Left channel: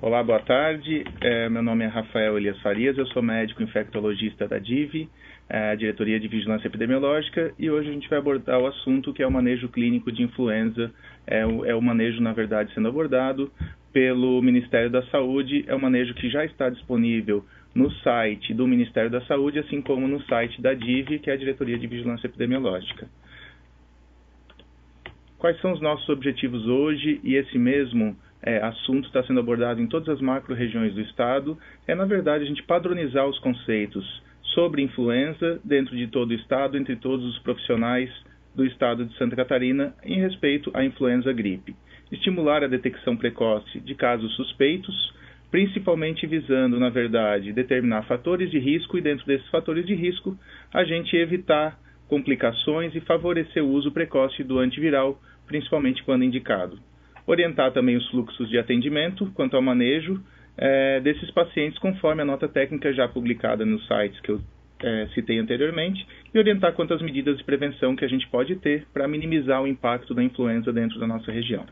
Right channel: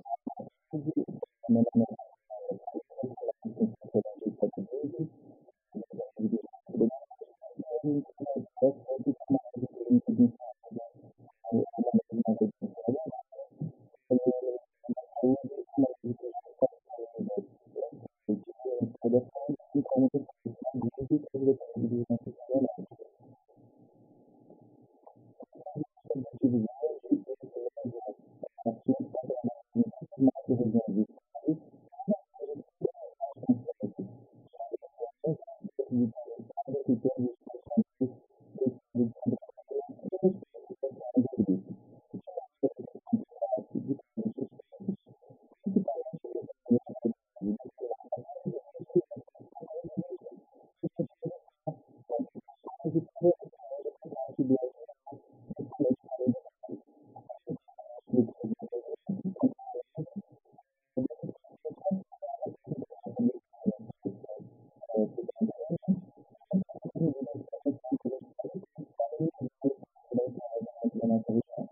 Olá, boa tarde. Meu nome é Rafael Elias Farias, eu sou médico infectologista da DIV, Diretoria de Vigilância Epidemiológica, e hoje a gente vai abordar o assunto que é o manejo clínico de influenza. É o manejo, na verdade, sendo abordado pelo Ministério da Saúde, é um manejo que já está disponível no site do Ministério da Saúde, assim como no site da DIV, que é a Diretoria de Vigilância Epidemiológica. Quais são os nossos objetivos hoje? E esse mesmo assunto está sendo abordado em todas as macro-regiões do Estado. Na verdade, a gente padronizar os conceitos sobre influenza dentro de todo o Estado, entre todos os profissionais do Estado de Santa Catarina, em respeito à influenza gripe. Estimular a detecção precoce de casos suspeitos, principalmente visando, na verdade, determinar fatores de risco e, dentro desses fatores de risco, a gente evitar complicações e favorecer o uso precoce do antiviral, principalmente quando indicado. Orientar também os fluxos de atendimento quanto ao manejo desses pacientes, conforme a nota técnica já publicada nos sites que eu citei anteriormente, e orientar quanto às medidas de prevenção que a gente pode ter para minimizar o impacto da influenza dentro da nossa região.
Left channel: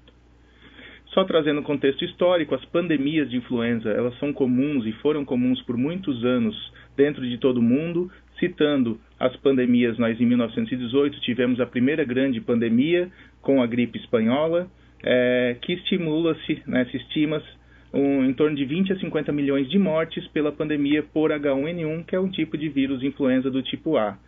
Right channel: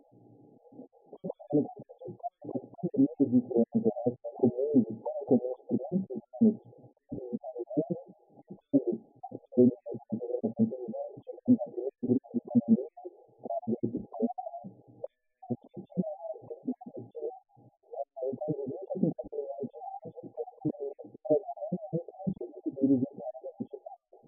Só trazendo um contexto histórico, as pandemias de influenza, elas são comuns e foram comuns por muitos anos dentro de todo o mundo. Citando as pandemias, nós em 1918 tivemos a primeira grande pandemia com a gripe espanhola, que estimula-se, se estima em torno de 20 a 50 milhões de mortes pela pandemia por H1N1, que é um tipo de vírus influenza do tipo A.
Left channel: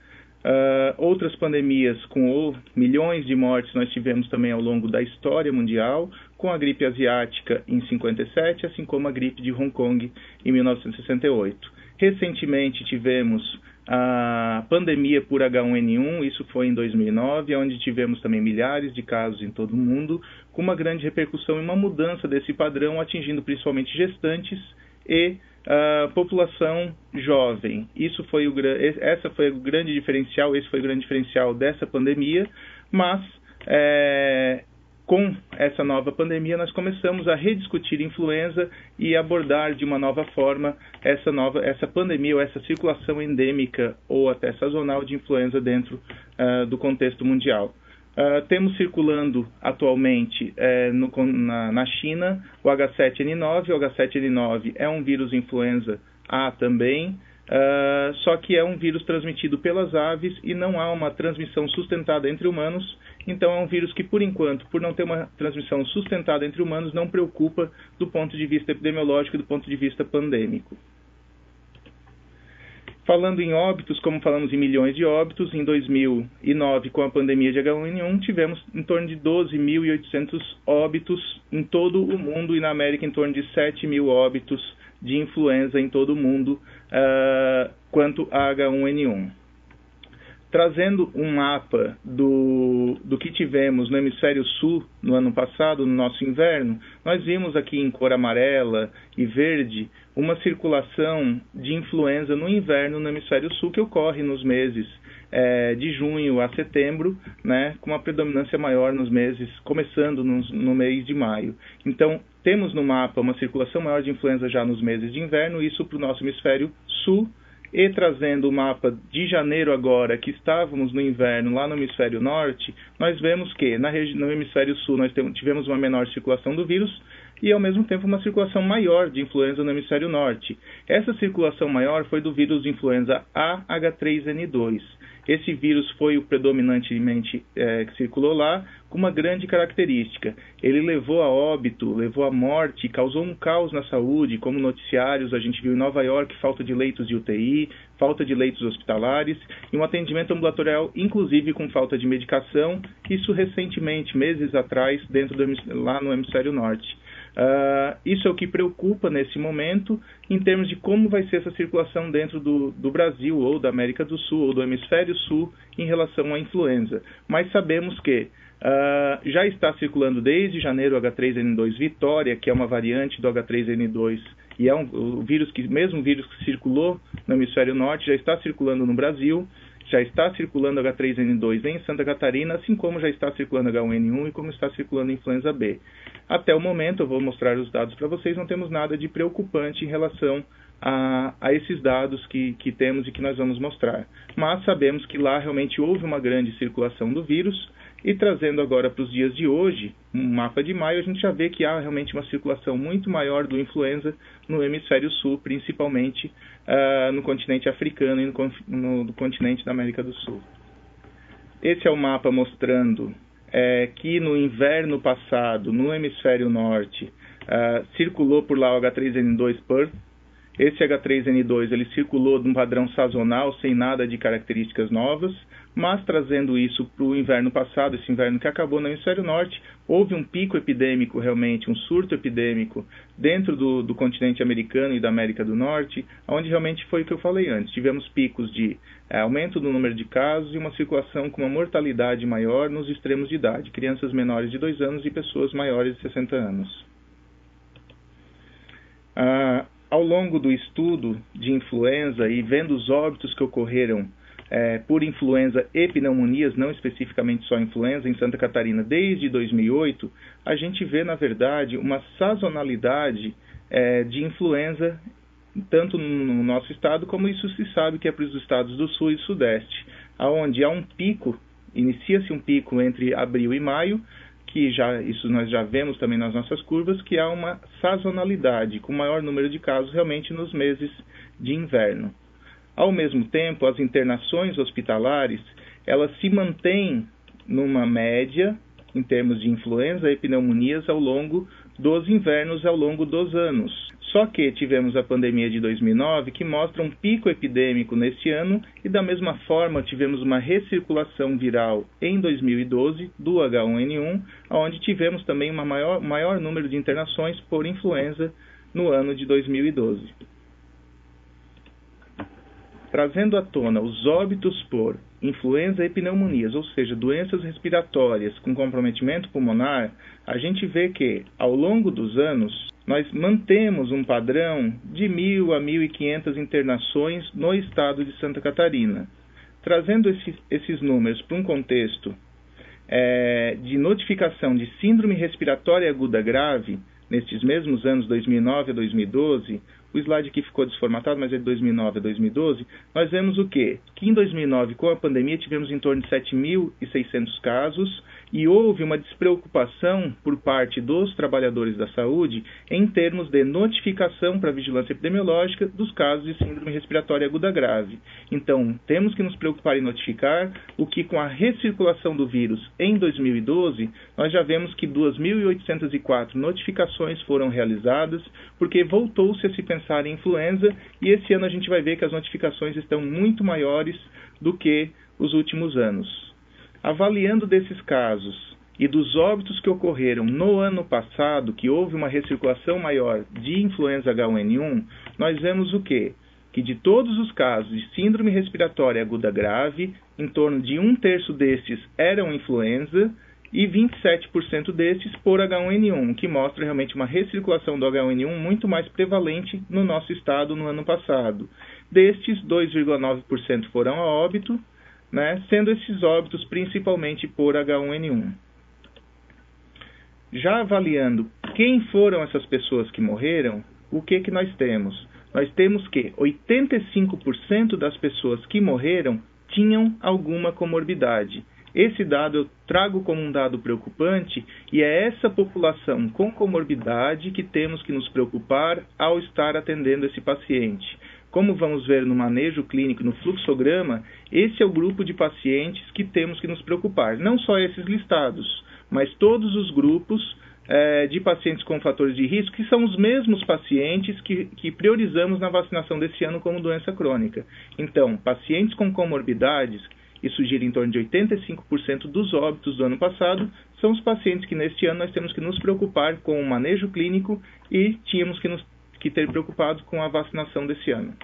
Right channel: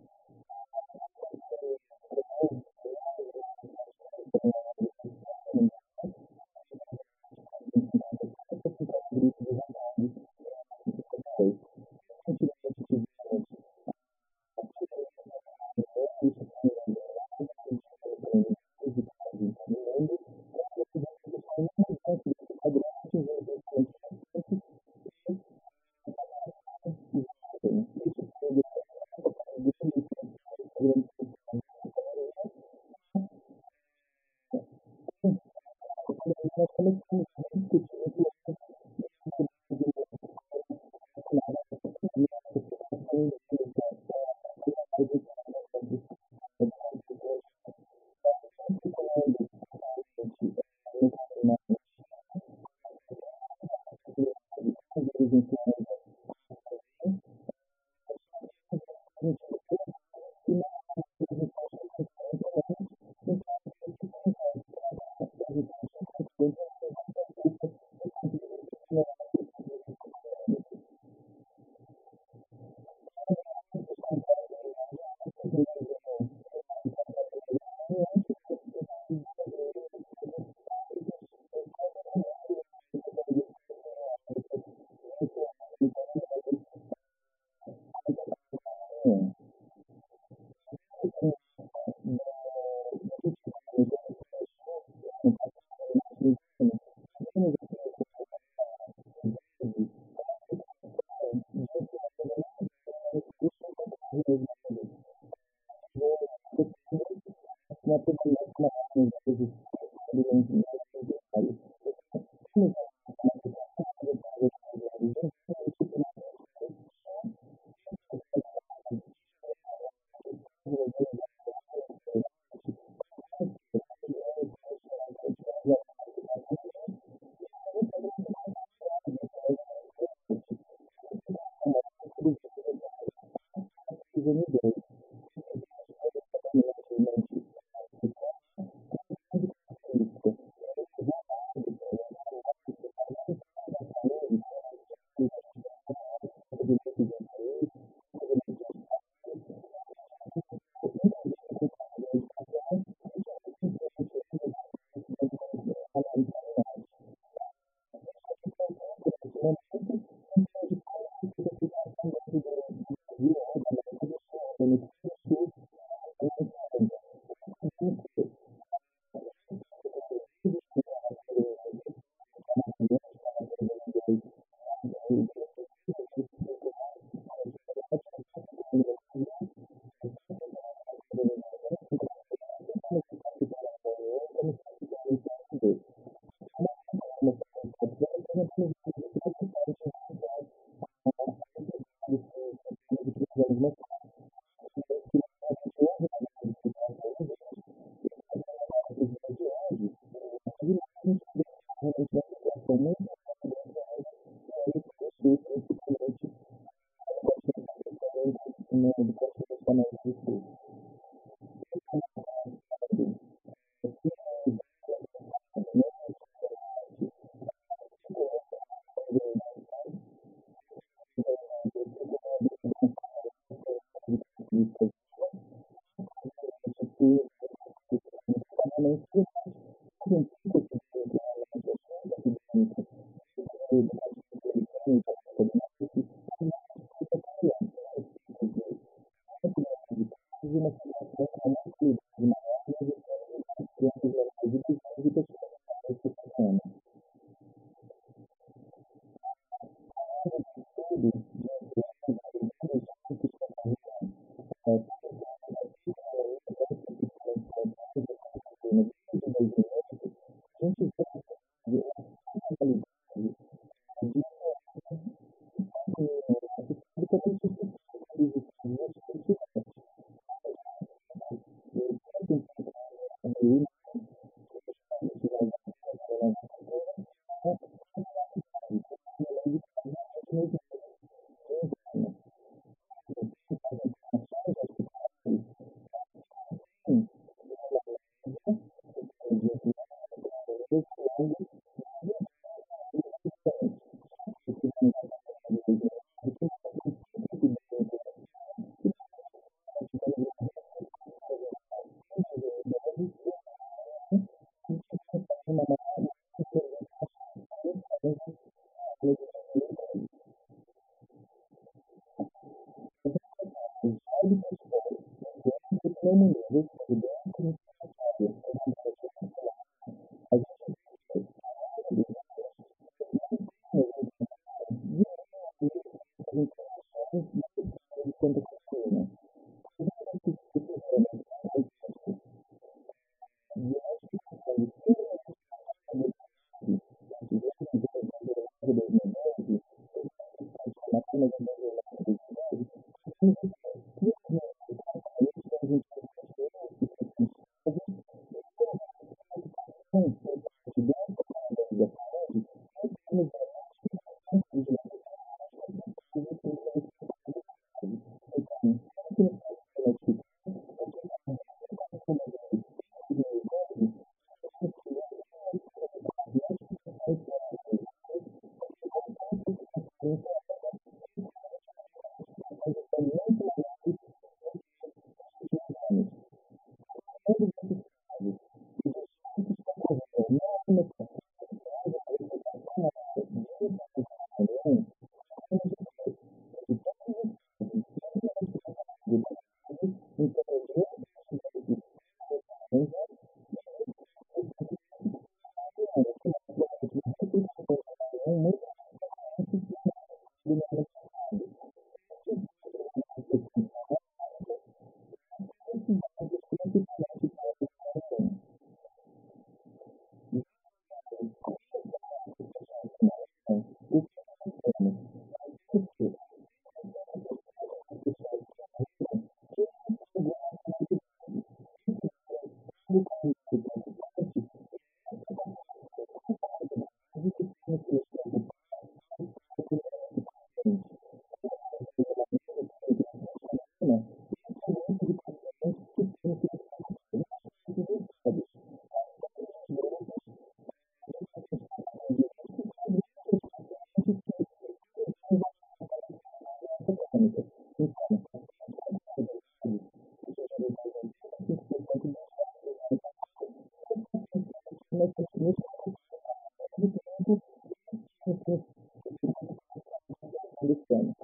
Outras pandemias com milhões de mortes nós tivemos também ao longo da história mundial, com a gripe asiática em 57, assim como a gripe de Hong Kong em 1968. Recentemente tivemos a pandemia por H1N1, isso foi em 2009, onde tivemos também milhares de casos em todo o mundo, com uma grande repercussão e uma mudança desse padrão, atingindo principalmente gestantes e população jovem. Esse foi o grande diferencial dessa pandemia, mas com essa nova pandemia nós começamos a rediscutir influenza e abordar de uma nova forma essa pandemia ou essa circulação endêmica ou até sazonal de influenza dentro do contexto mundial. Temos circulando atualmente na China o H7N9. O H7N9 é um vírus influenza A também, só que é um vírus transmitido pelas aves e não há uma transmissão sustentada entre humanos. Então é um vírus que, por enquanto, por não ter uma transmissão sustentada entre humanos, não preocupa do ponto de vista epidemiológico e do ponto de vista pandêmico. Falando em óbitos, como falamos em milhões de óbitos, em 2009, com a pandemia de H1N1, tivemos em torno de 12.800 óbitos em todo o mundo e na América em torno de 7.000 óbitos de influenza em todo o mundo quanto a H1N1. Trazendo um mapa do que tivemos no hemisfério sul no ano passado, no nosso inverno, nós vimos aqui em cor amarela e verde uma circulação de influenza no inverno no hemisfério sul que ocorre nos meses de junho a setembro, com uma predominância maior nos meses, começando no mês de maio. Então, temos no mapa uma circulação maior de influenza já nos meses de inverno, isso para o nosso hemisfério sul. E trazendo o mapa de janeiro agora, que estávamos no inverno lá no hemisfério norte, nós vemos que no hemisfério sul nós tivemos uma menor circulação do vírus e ao mesmo tempo uma circulação maior de influenza no hemisfério norte. Essa circulação maior foi do vírus de influenza A H3N2. Esse vírus foi o predominantemente que circulou lá, com uma grande característica. Ele levou a óbito, levou a morte, causou um caos na saúde, como noticiários, a gente viu em Nova York falta de leitos de UTI, falta de leitos hospitalares, e um atendimento ambulatorial, inclusive com falta de medicação, isso recentemente, meses atrás, lá no hemisfério norte. Isso é o que preocupa nesse momento, em termos de como vai ser essa circulação dentro do Brasil, ou da América do Sul, ou do hemisfério sul, em relação à influenza. Mas sabemos que já está circulando desde janeiro o H3N2 Vitória, que é uma variante do H3N2, e é mesmo vírus que circulou no hemisfério norte, já está circulando no Brasil, já está circulando H3N2 em Santa Catarina, assim como já está circulando H1N1 e como está circulando a influenza B. Até o momento, eu vou mostrar os dados para vocês, não temos nada de preocupante em relação a esses dados que temos e que nós vamos mostrar. Mas sabemos que lá realmente houve uma grande circulação do vírus, e trazendo agora para os dias de hoje, um mapa de maio, a gente já vê que há realmente uma circulação muito maior do influenza no hemisfério sul, principalmente no continente africano e no continente da América do Sul. Esse é o mapa mostrando que no inverno passado, no hemisfério norte, circulou por lá o H3N2 Perth. Esse H3N2 ele circulou de um padrão sazonal, sem nada de características novas, mas trazendo isso para o inverno passado, esse inverno que acabou no hemisfério norte, houve um pico epidêmico realmente, um surto epidêmico dentro do continente americano e da América do Norte, onde realmente foi o que eu falei antes. Tivemos picos de aumento do número de casos e uma circulação com uma mortalidade maior nos extremos de idade, crianças menores de 2 anos e pessoas maiores de 60 anos. Ao longo do estudo de influenza e vendo os óbitos que ocorreram por influenza e pneumonias, não especificamente só influenza, em Santa Catarina desde 2008, a gente vê, na verdade, uma sazonalidade de influenza, tanto no nosso estado, como isso se sabe que é para os estados do sul e sudeste, onde há um pico, inicia-se um pico entre abril e maio, que isso nós já vemos também nas nossas curvas, que há uma sazonalidade, com maior número de casos realmente nos meses de inverno. Ao mesmo tempo, as internações hospitalares, elas se mantêm numa média, em termos de influenza e pneumonias, ao longo dos invernos, ao longo dos anos. Só que tivemos a pandemia de 2009, que mostra um pico epidêmico neste ano, e da mesma forma tivemos uma recirculação viral em 2012 do H1N1, onde tivemos também um maior número de internações por influenza no ano de 2012. Trazendo à tona os óbitos por influenza e pneumonias, ou seja, doenças respiratórias com comprometimento pulmonar, a gente vê que, ao longo dos anos, nós mantemos um padrão de 1.000 a 1.500 internações no estado de Santa Catarina. Trazendo esses números para um contexto de notificação de síndrome respiratória aguda grave, nestes mesmos anos, 2009 a 2012, o slide aqui ficou desformatado, mas é de 2009 a 2012, nós vemos o quê? Que em 2009, com a pandemia, tivemos em torno de 7.600 casos e houve uma despreocupação por parte dos trabalhadores da saúde em termos de notificação para a vigilância epidemiológica dos casos de síndrome respiratória aguda grave. Então, temos que nos preocupar em notificar, o que com a recirculação do vírus em 2012, nós já vemos que 2.804 notificações foram realizadas, porque voltou-se a se pensar em influenza, e esse ano a gente vai ver que as notificações estão muito maiores do que os últimos anos. Avaliando desses casos e dos óbitos que ocorreram no ano passado, que houve uma recirculação maior de influenza H1N1, nós vemos o quê? Que de todos os casos de síndrome respiratória aguda grave, em torno de 1/3 destes eram influenza, e 27% destes por H1N1, o que mostra realmente uma recirculação do H1N1 muito mais prevalente no nosso estado no ano passado. Destes, 2,9% foram a óbito, sendo esses óbitos principalmente por H1N1. Já avaliando quem foram essas pessoas que morreram, o que nós temos? Nós temos que 85% das pessoas que morreram tinham alguma comorbidade. Esse dado eu trago como um dado preocupante, e é essa população com comorbidade que temos que nos preocupar ao estar atendendo esse paciente. Como vamos ver no manejo clínico e no fluxograma, esse é o grupo de pacientes que temos que nos preocupar. Não só esses listados, mas todos os grupos de pacientes com fatores de risco, que são os mesmos pacientes que priorizamos na vacinação desse ano como doença crônica. Então, pacientes com comorbidades, isso gira em torno de 85% dos óbitos do ano passado, são os pacientes que neste ano nós temos que nos preocupar com o manejo clínico e tínhamos que ter preocupado com a vacinação desse ano.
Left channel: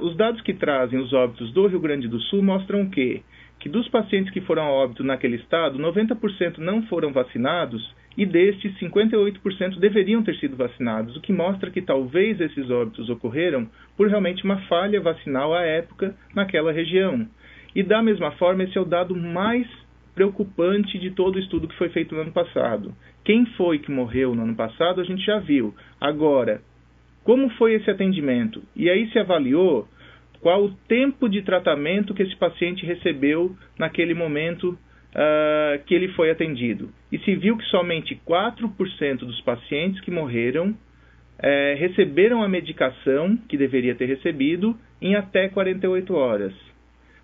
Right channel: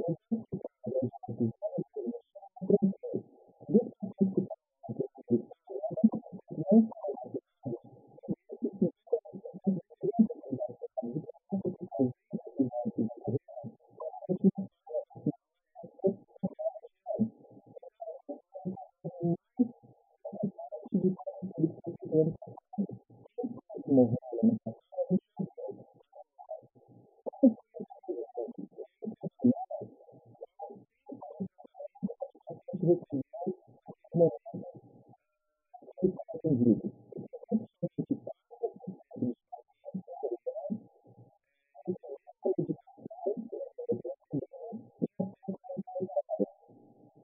Os dados que trazem os óbitos do Rio Grande do Sul mostram que dos pacientes que foram a óbito naquele estado, 90% não foram vacinados e destes 58% deveriam ter sido vacinados, o que mostra que talvez esses óbitos ocorreram por realmente uma falha vacinal à época naquela região. E da mesma forma, esse é o dado mais preocupante de todo o estudo que foi feito no ano passado. Quem foi que morreu no ano passado, a gente já viu. Agora, como foi esse atendimento? E aí se avaliou qual o tempo de tratamento que esse paciente recebeu naquele momento que ele foi atendido. E se viu que somente 4% dos pacientes que morreram receberam a medicação que deveria ter recebido em até 48 horas.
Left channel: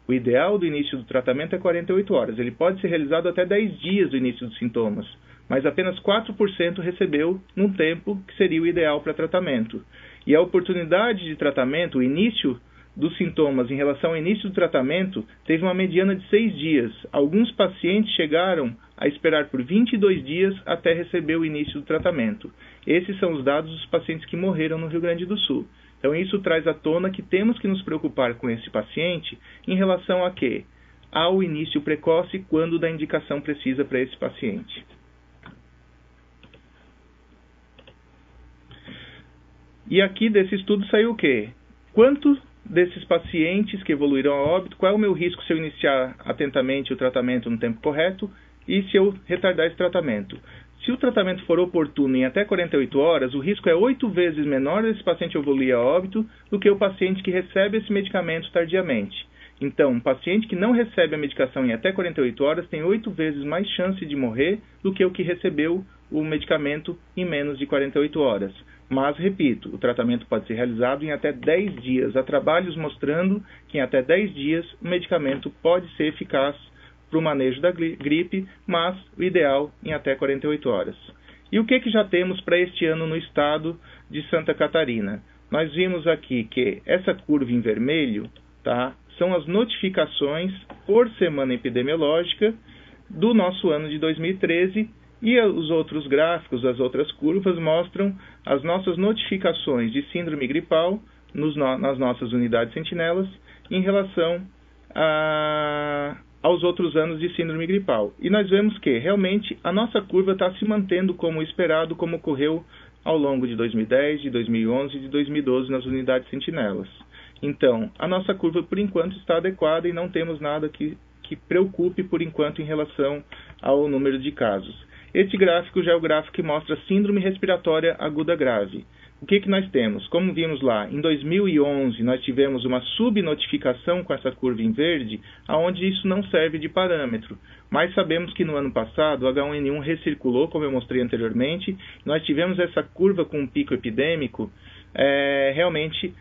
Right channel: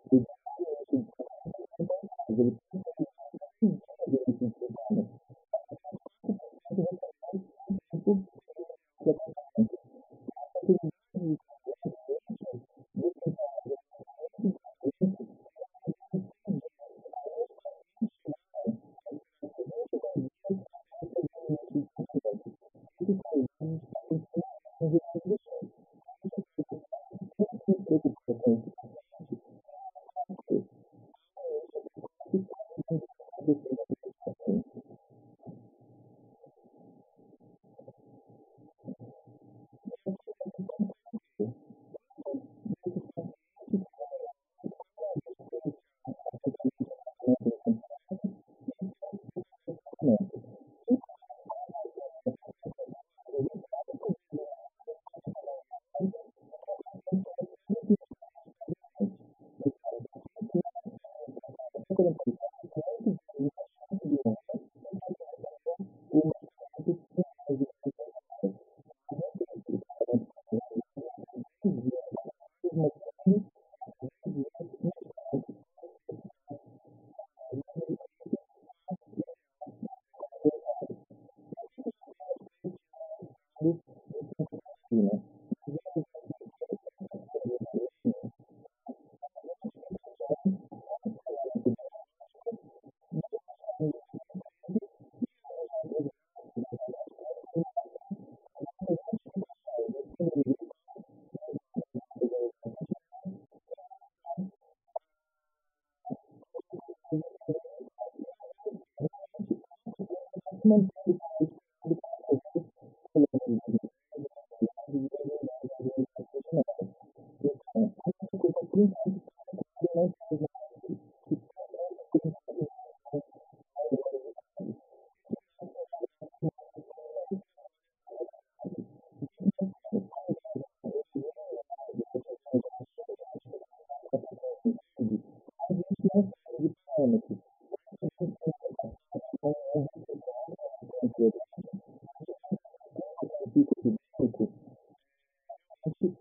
O ideal do início do tratamento é 48 horas. Ele pode ser realizado até 10 dias do início dos sintomas, mas apenas 4% recebeu num tempo que seria o ideal para tratamento. E a oportunidade de tratamento, o início dos sintomas em relação ao início do tratamento, teve uma mediana de 6 dias. Alguns pacientes chegaram a esperar por 22 dias até receber o início do tratamento. Esses são os dados dos pacientes que morreram no Rio Grande do Sul. Então isso traz à tona que temos que nos preocupar com esse paciente em relação a quê? Ao início precoce quando da indicação precisa para esse paciente. E aqui desse estudo saiu o quê? Quanto desses pacientes que evoluíram a óbito, qual é o meu risco se eu iniciar atentamente o tratamento no tempo correto e se eu retardar esse tratamento? Se o tratamento for oportuno em até 48 horas, o risco é 8 vezes menor desse paciente evoluir a óbito do que o paciente que recebe esse medicamento tardiamente. Então, um paciente que não recebe a medicação em até 48 horas tem 8 vezes mais chance de morrer do que o que recebeu o medicamento em menos de 48 horas. Mas, repito, o tratamento pode ser realizado em até 10 dias. Há trabalhos mostrando que em até 10 dias o medicamento pode ser eficaz para o manejo da gripe, mas o ideal em até 48 horas. E o que já temos para este ano no estado de Santa Catarina? Nós vimos aqui que essa curva em vermelho, tá, são as notificações por semana epidemiológica do nosso ano de 2013, e os outros gráficos, as outras curvas, mostram as nossas notificações de síndrome gripal nas nossas unidades sentinelas em relação aos outros anos de síndrome gripal. E nós vemos que, realmente, a nossa curva está se mantendo como esperado, como ocorreu ao longo de 2010, de 2011 e de 2012 nas unidades sentinelas. Então, a nossa curva, por enquanto, está adequada e não temos nada que preocupe, por enquanto, em relação ao número de casos. Este gráfico já é o gráfico que mostra síndrome respiratória aguda grave. O que nós temos? Como vimos lá, em 2011 nós tivemos uma subnotificação com essa curva em verde, onde isso não serve de parâmetro. Mas sabemos que no ano passado o H1N1 recirculou, como eu mostrei anteriormente. Nós tivemos essa curva com um pico epidêmico, realmente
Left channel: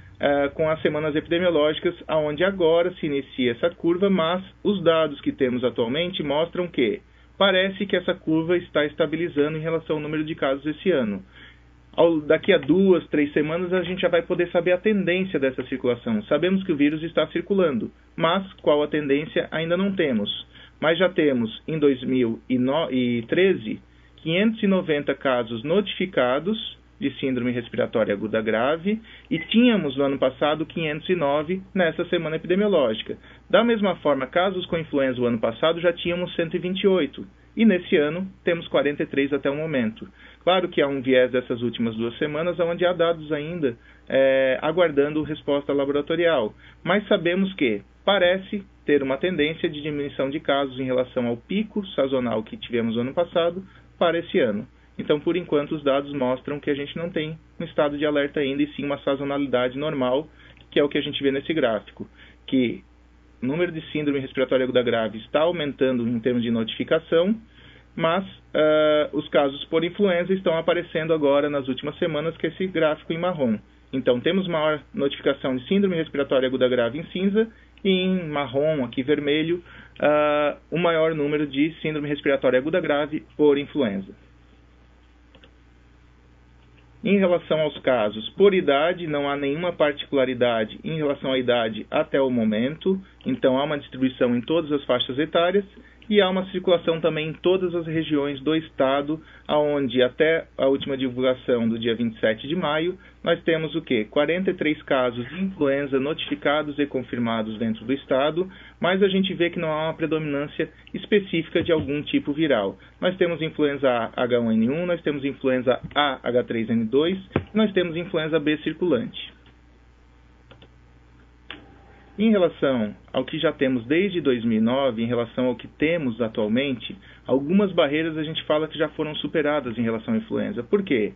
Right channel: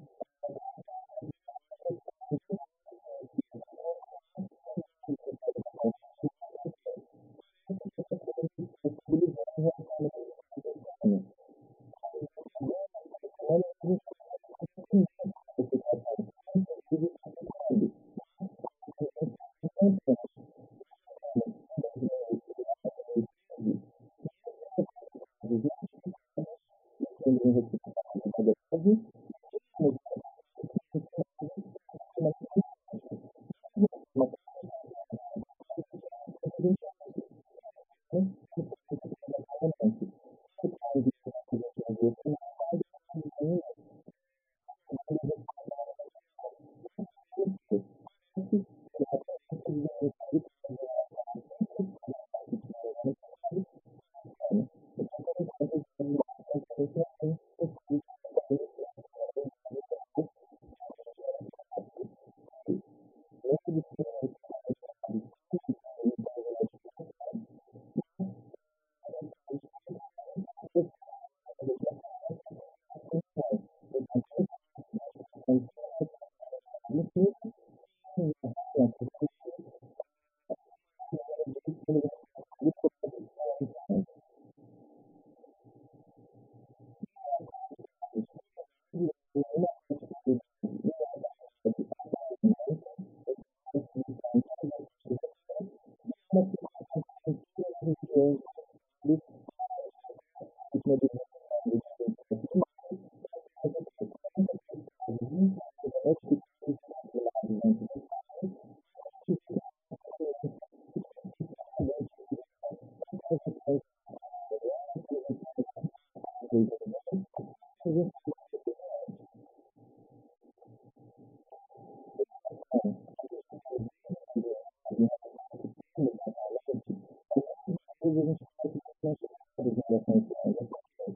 com as semanas epidemiológicas, onde agora se inicia essa curva, mas os dados que temos atualmente mostram que parece que essa curva está estabilizando em relação ao número de casos esse ano. Daqui a 2, 3 semanas a gente já vai poder saber a tendência dessa circulação. Sabemos que o vírus está circulando, mas qual a tendência ainda não temos. Mas já temos em 2013 590 casos notificados de síndrome respiratória aguda grave e tínhamos no ano passado 509 nessa semana epidemiológica. Da mesma forma, casos com influenza o ano passado já tínhamos 128 e nesse ano temos 43 até o momento. Claro que há um viés dessas últimas 2 semanas onde há dados ainda aguardando resposta laboratorial, mas sabemos que parece ter uma tendência de diminuição de casos em relação ao pico sazonal que tivemos no ano passado para esse ano. Então, por enquanto, os dados mostram que a gente não tem um estado de alerta ainda, e sim uma sazonalidade normal, que é o que a gente vê nesse gráfico, que o número de síndrome respiratória aguda grave está aumentando em termos de notificação, mas os casos por influenza estão aparecendo agora nas últimas semanas, que é esse gráfico em marrom. Então, temos maior notificação de síndrome respiratória aguda grave em cinza, e em marrom, aqui vermelho, o maior número de síndrome respiratória aguda grave por influenza. Em relação aos casos por idade, não há nenhuma particularidade em relação à idade até o momento. Então, há uma distribuição em todas as faixas etárias e há uma circulação também em todas as regiões do estado, onde até a última divulgação do dia 27 de maio, nós temos o quê? 43 casos de influenza notificados e confirmados dentro do estado, mas a gente vê que não há uma predominância específica de algum tipo viral. Nós temos influenza A H1N1, nós temos influenza A H3N2, e nós temos influenza B circulante. Em relação ao que já temos desde 2009, em relação ao que temos atualmente, algumas barreiras a gente fala que já foram superadas em relação à influenza. Por quê?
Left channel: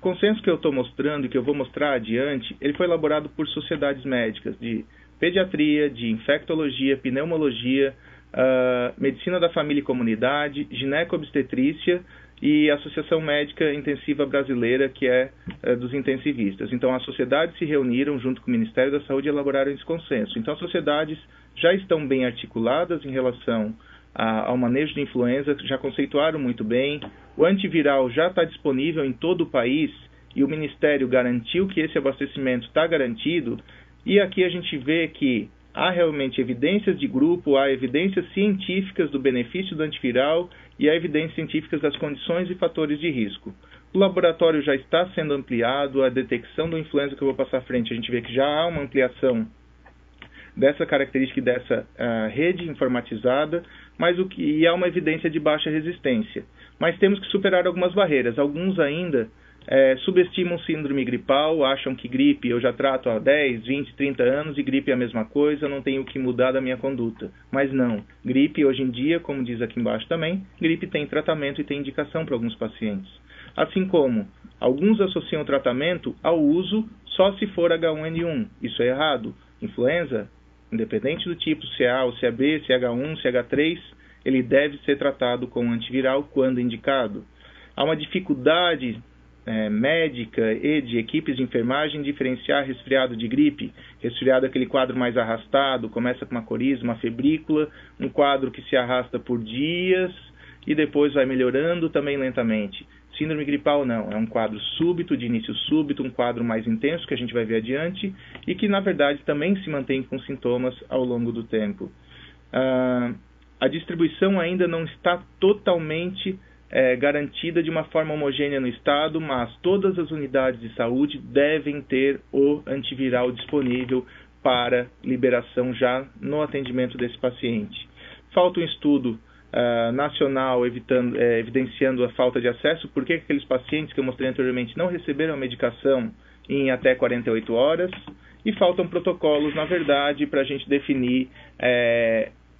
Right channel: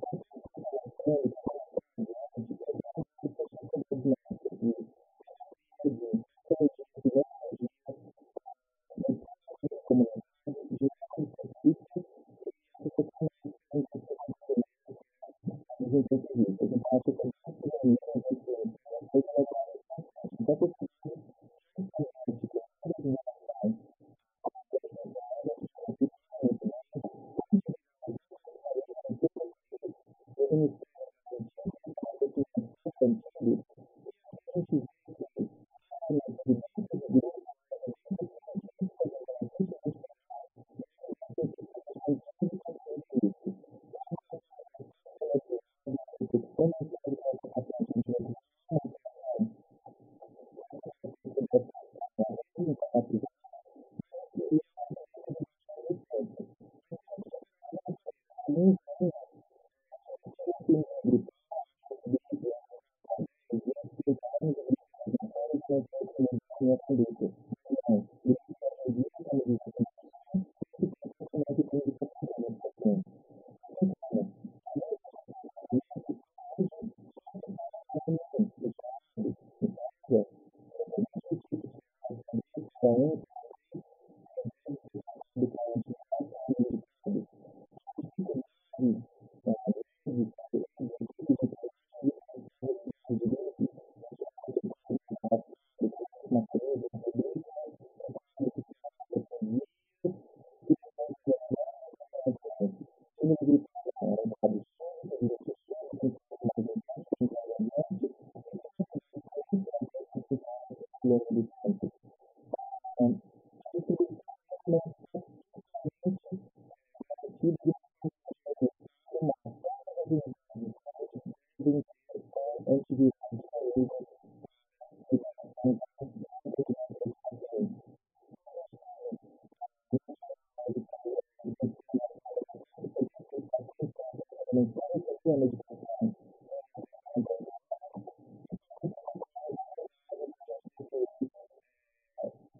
consenso que eu estou mostrando e que eu vou mostrar adiante, ele foi elaborado por sociedades médicas de pediatria, de infectologia, pneumologia, medicina da família e comunidade, gineco-obstetrícia e Associação Médica Intensiva Brasileira, que é dos intensivistas. Então, as sociedades se reuniram junto com o Ministério da Saúde e elaboraram esse consenso. Então, as sociedades já estão bem articuladas em relação ao manejo de influenza, já conceituaram muito bem. O antiviral já está disponível em todo o país e o Ministério garantiu que esse abastecimento está garantido. E aqui a gente vê que há realmente evidências de grupo, há evidências científicas do benefício do antiviral e há evidências científicas das condições e fatores de risco. O laboratório já está sendo ampliado, a detecção do influenza que eu vou passar à frente, a gente vê que já há uma ampliação dessa característica e dessa rede informatizada, e há uma evidência de baixa resistência. Mas temos que superar algumas barreiras. Alguns ainda subestimam síndrome gripal, acham que gripe eu já trato há 10, 20, 30 anos e gripe é a mesma coisa, não tenho que mudar da minha conduta. Mas não, gripe hoje em dia, como diz aqui embaixo também, gripe tem tratamento e tem indicação para alguns pacientes. Assim como alguns associam o tratamento ao uso só se for H1N1. Isso é errado. Influenza, independente do tipo, se é A ou se é B, se é H1, se é H3, ele deve ser tratado com antiviral quando indicado. Há uma dificuldade médica e de equipes de enfermagem diferenciar resfriado de gripe. Resfriado é aquele quadro mais arrastado, começa com uma coriza, uma febrícula, um quadro que se arrasta por dias e depois vai melhorando também lentamente. Síndrome gripal não, é um quadro súbito, de início súbito, um quadro mais intenso que a gente vai ver adiante e que na verdade também se mantém com sintomas ao longo do tempo. A distribuição ainda não está totalmente garantida de uma forma homogênea no estado, mas todas as unidades de saúde devem ter o antiviral disponível para liberação já no atendimento desse paciente. Falta um estudo nacional evidenciando a falta de acesso, porque aqueles pacientes que eu mostrei anteriormente não receberam a medicação em até 48 horas, e faltam protocolos, na verdade, para a gente definir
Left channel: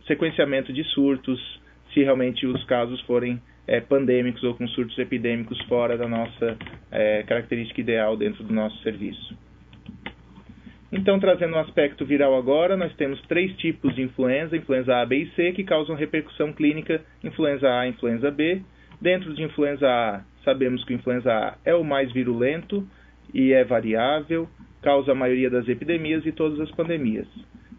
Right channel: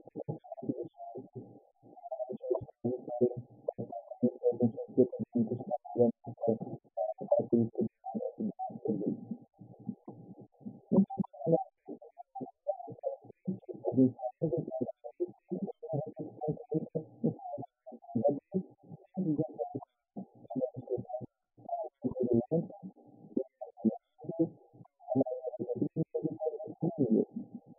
sequenciamento de surtos, se realmente os casos forem pandêmicos ou com surtos epidêmicos fora da nossa característica ideal dentro do nosso serviço. Então, trazendo um aspecto viral agora, nós temos 3 tipos de influenza, influenza A, B e C, que causam repercussão clínica, influenza A e influenza B. Dentro de influenza A, sabemos que o influenza A é o mais virulento e é variável, causa a maioria das epidemias e todas as pandemias.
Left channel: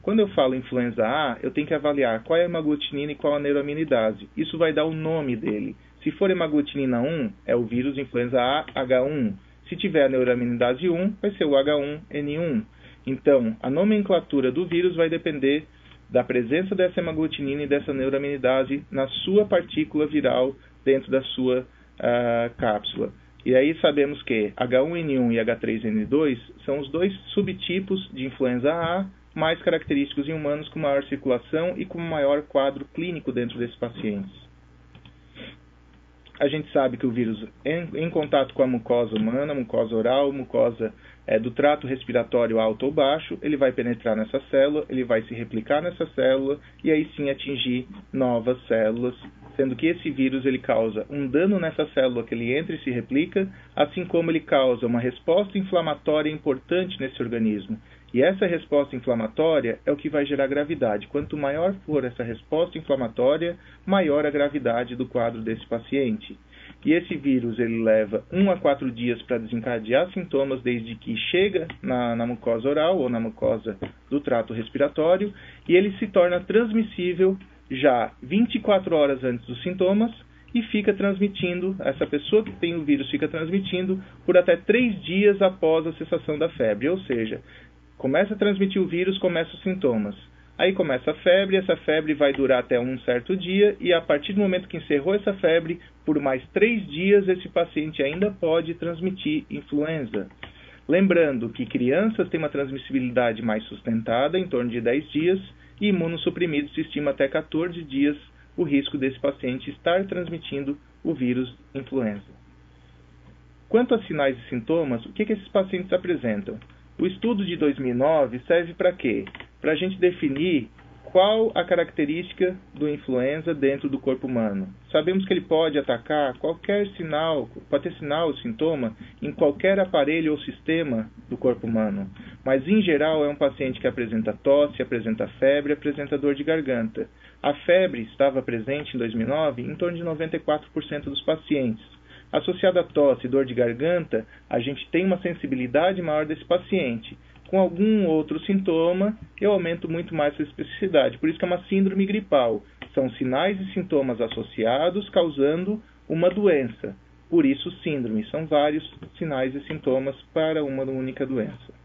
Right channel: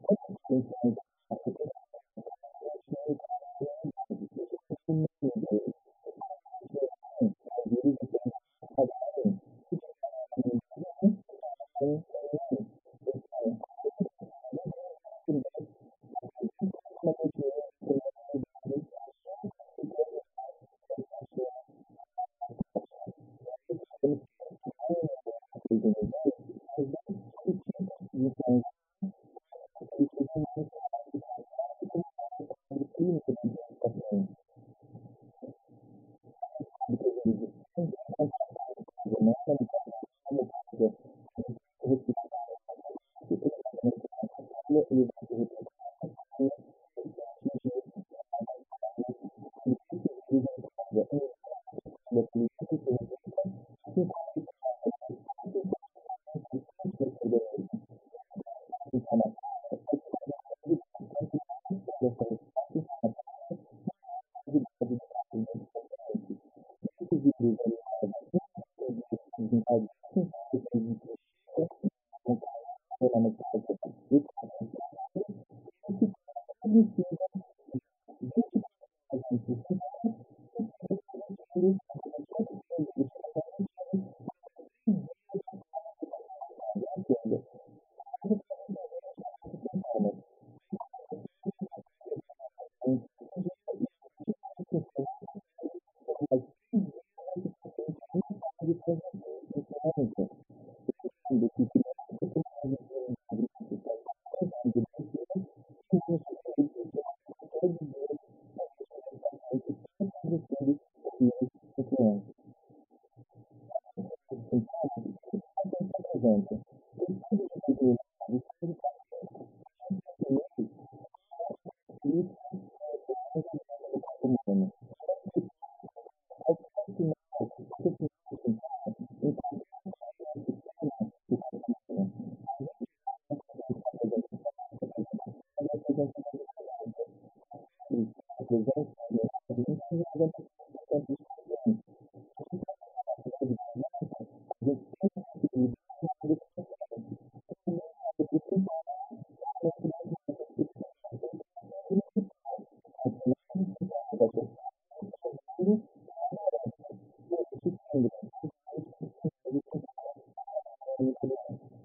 Quando eu falo influenza A, eu tenho que avaliar qual é a hemaglutinina e qual a neuraminidase. Isso vai dar o nome dele. Se for hemaglutinina 1, é o vírus influenza A H1. Se tiver a neuraminidase 1, vai ser o H1N1. Então, a nomenclatura do vírus vai depender da presença dessa hemaglutinina e dessa neuraminidase na sua partícula viral dentro da sua cápsula. E aí sabemos que H1N1 e H3N2 são os 2 subtipos de influenza A mais característicos em humanos com maior circulação e com maior quadro clínico dentro desses pacientes. A gente sabe que o vírus, em contato com a mucosa humana, mucosa oral, mucosa do trato respiratório alto ou baixo, ele vai penetrar nessa célula, ele vai se replicar nessa célula e aí sim atingir novas células, sendo que esse vírus ele causa um dano nessa célula que ele entra e se replica, assim como ele causa uma resposta inflamatória importante nesse organismo. E essa resposta inflamatória é o que vai gerar gravidade. Quanto maior for essa resposta inflamatória, maior a gravidade do quadro desse paciente. E esse vírus ele leva 1 a 4 dias para desencadear sintomas desde que chega na mucosa oral ou na mucosa do trato respiratório e ele se torna transmissível já 24 horas antes dos sintomas e fica transmitindo, essa pessoa que tem o vírus fica transmitindo por até 3 dias após a cessação da febre, ou seja, começa a transmitir o vírus, começam os sintomas. Aí começa a febre, essa febre vai durar até um certo dia e a partir do momento que encerrou essa febre, por mais 3 dias esse paciente ainda pode transmitir influenza. Lembrando que crianças têm uma transmissibilidade mais sustentada, em torno de 10 dias, e imunossuprimidos se estima até 14 dias o risco desse paciente estar transmitindo o vírus influenza. Quanto a sinais e sintomas, o que esses pacientes apresentam? O estudo de 2009 serve para quê? Para a gente definir Qual a característica do influenza dentro do corpo humano? Sabemos que ele pode atacar qualquer sinal, pode ter sinal ou sintoma em qualquer aparelho ou sistema do corpo humano. Mas, em geral, é um paciente que apresenta tosse, apresenta febre, apresenta dor de garganta. A febre estava presente em 2009 em torno de 94% dos pacientes. Associada a tosse e dor de garganta, a gente tem uma sensibilidade maior desse paciente. Com algum outro sintoma, eu aumento muito mais essa especificidade. Por isso que é uma síndrome gripal. São sinais e sintomas associados causando uma doença. Por isso, síndrome. São vários sinais e sintomas para uma única doença.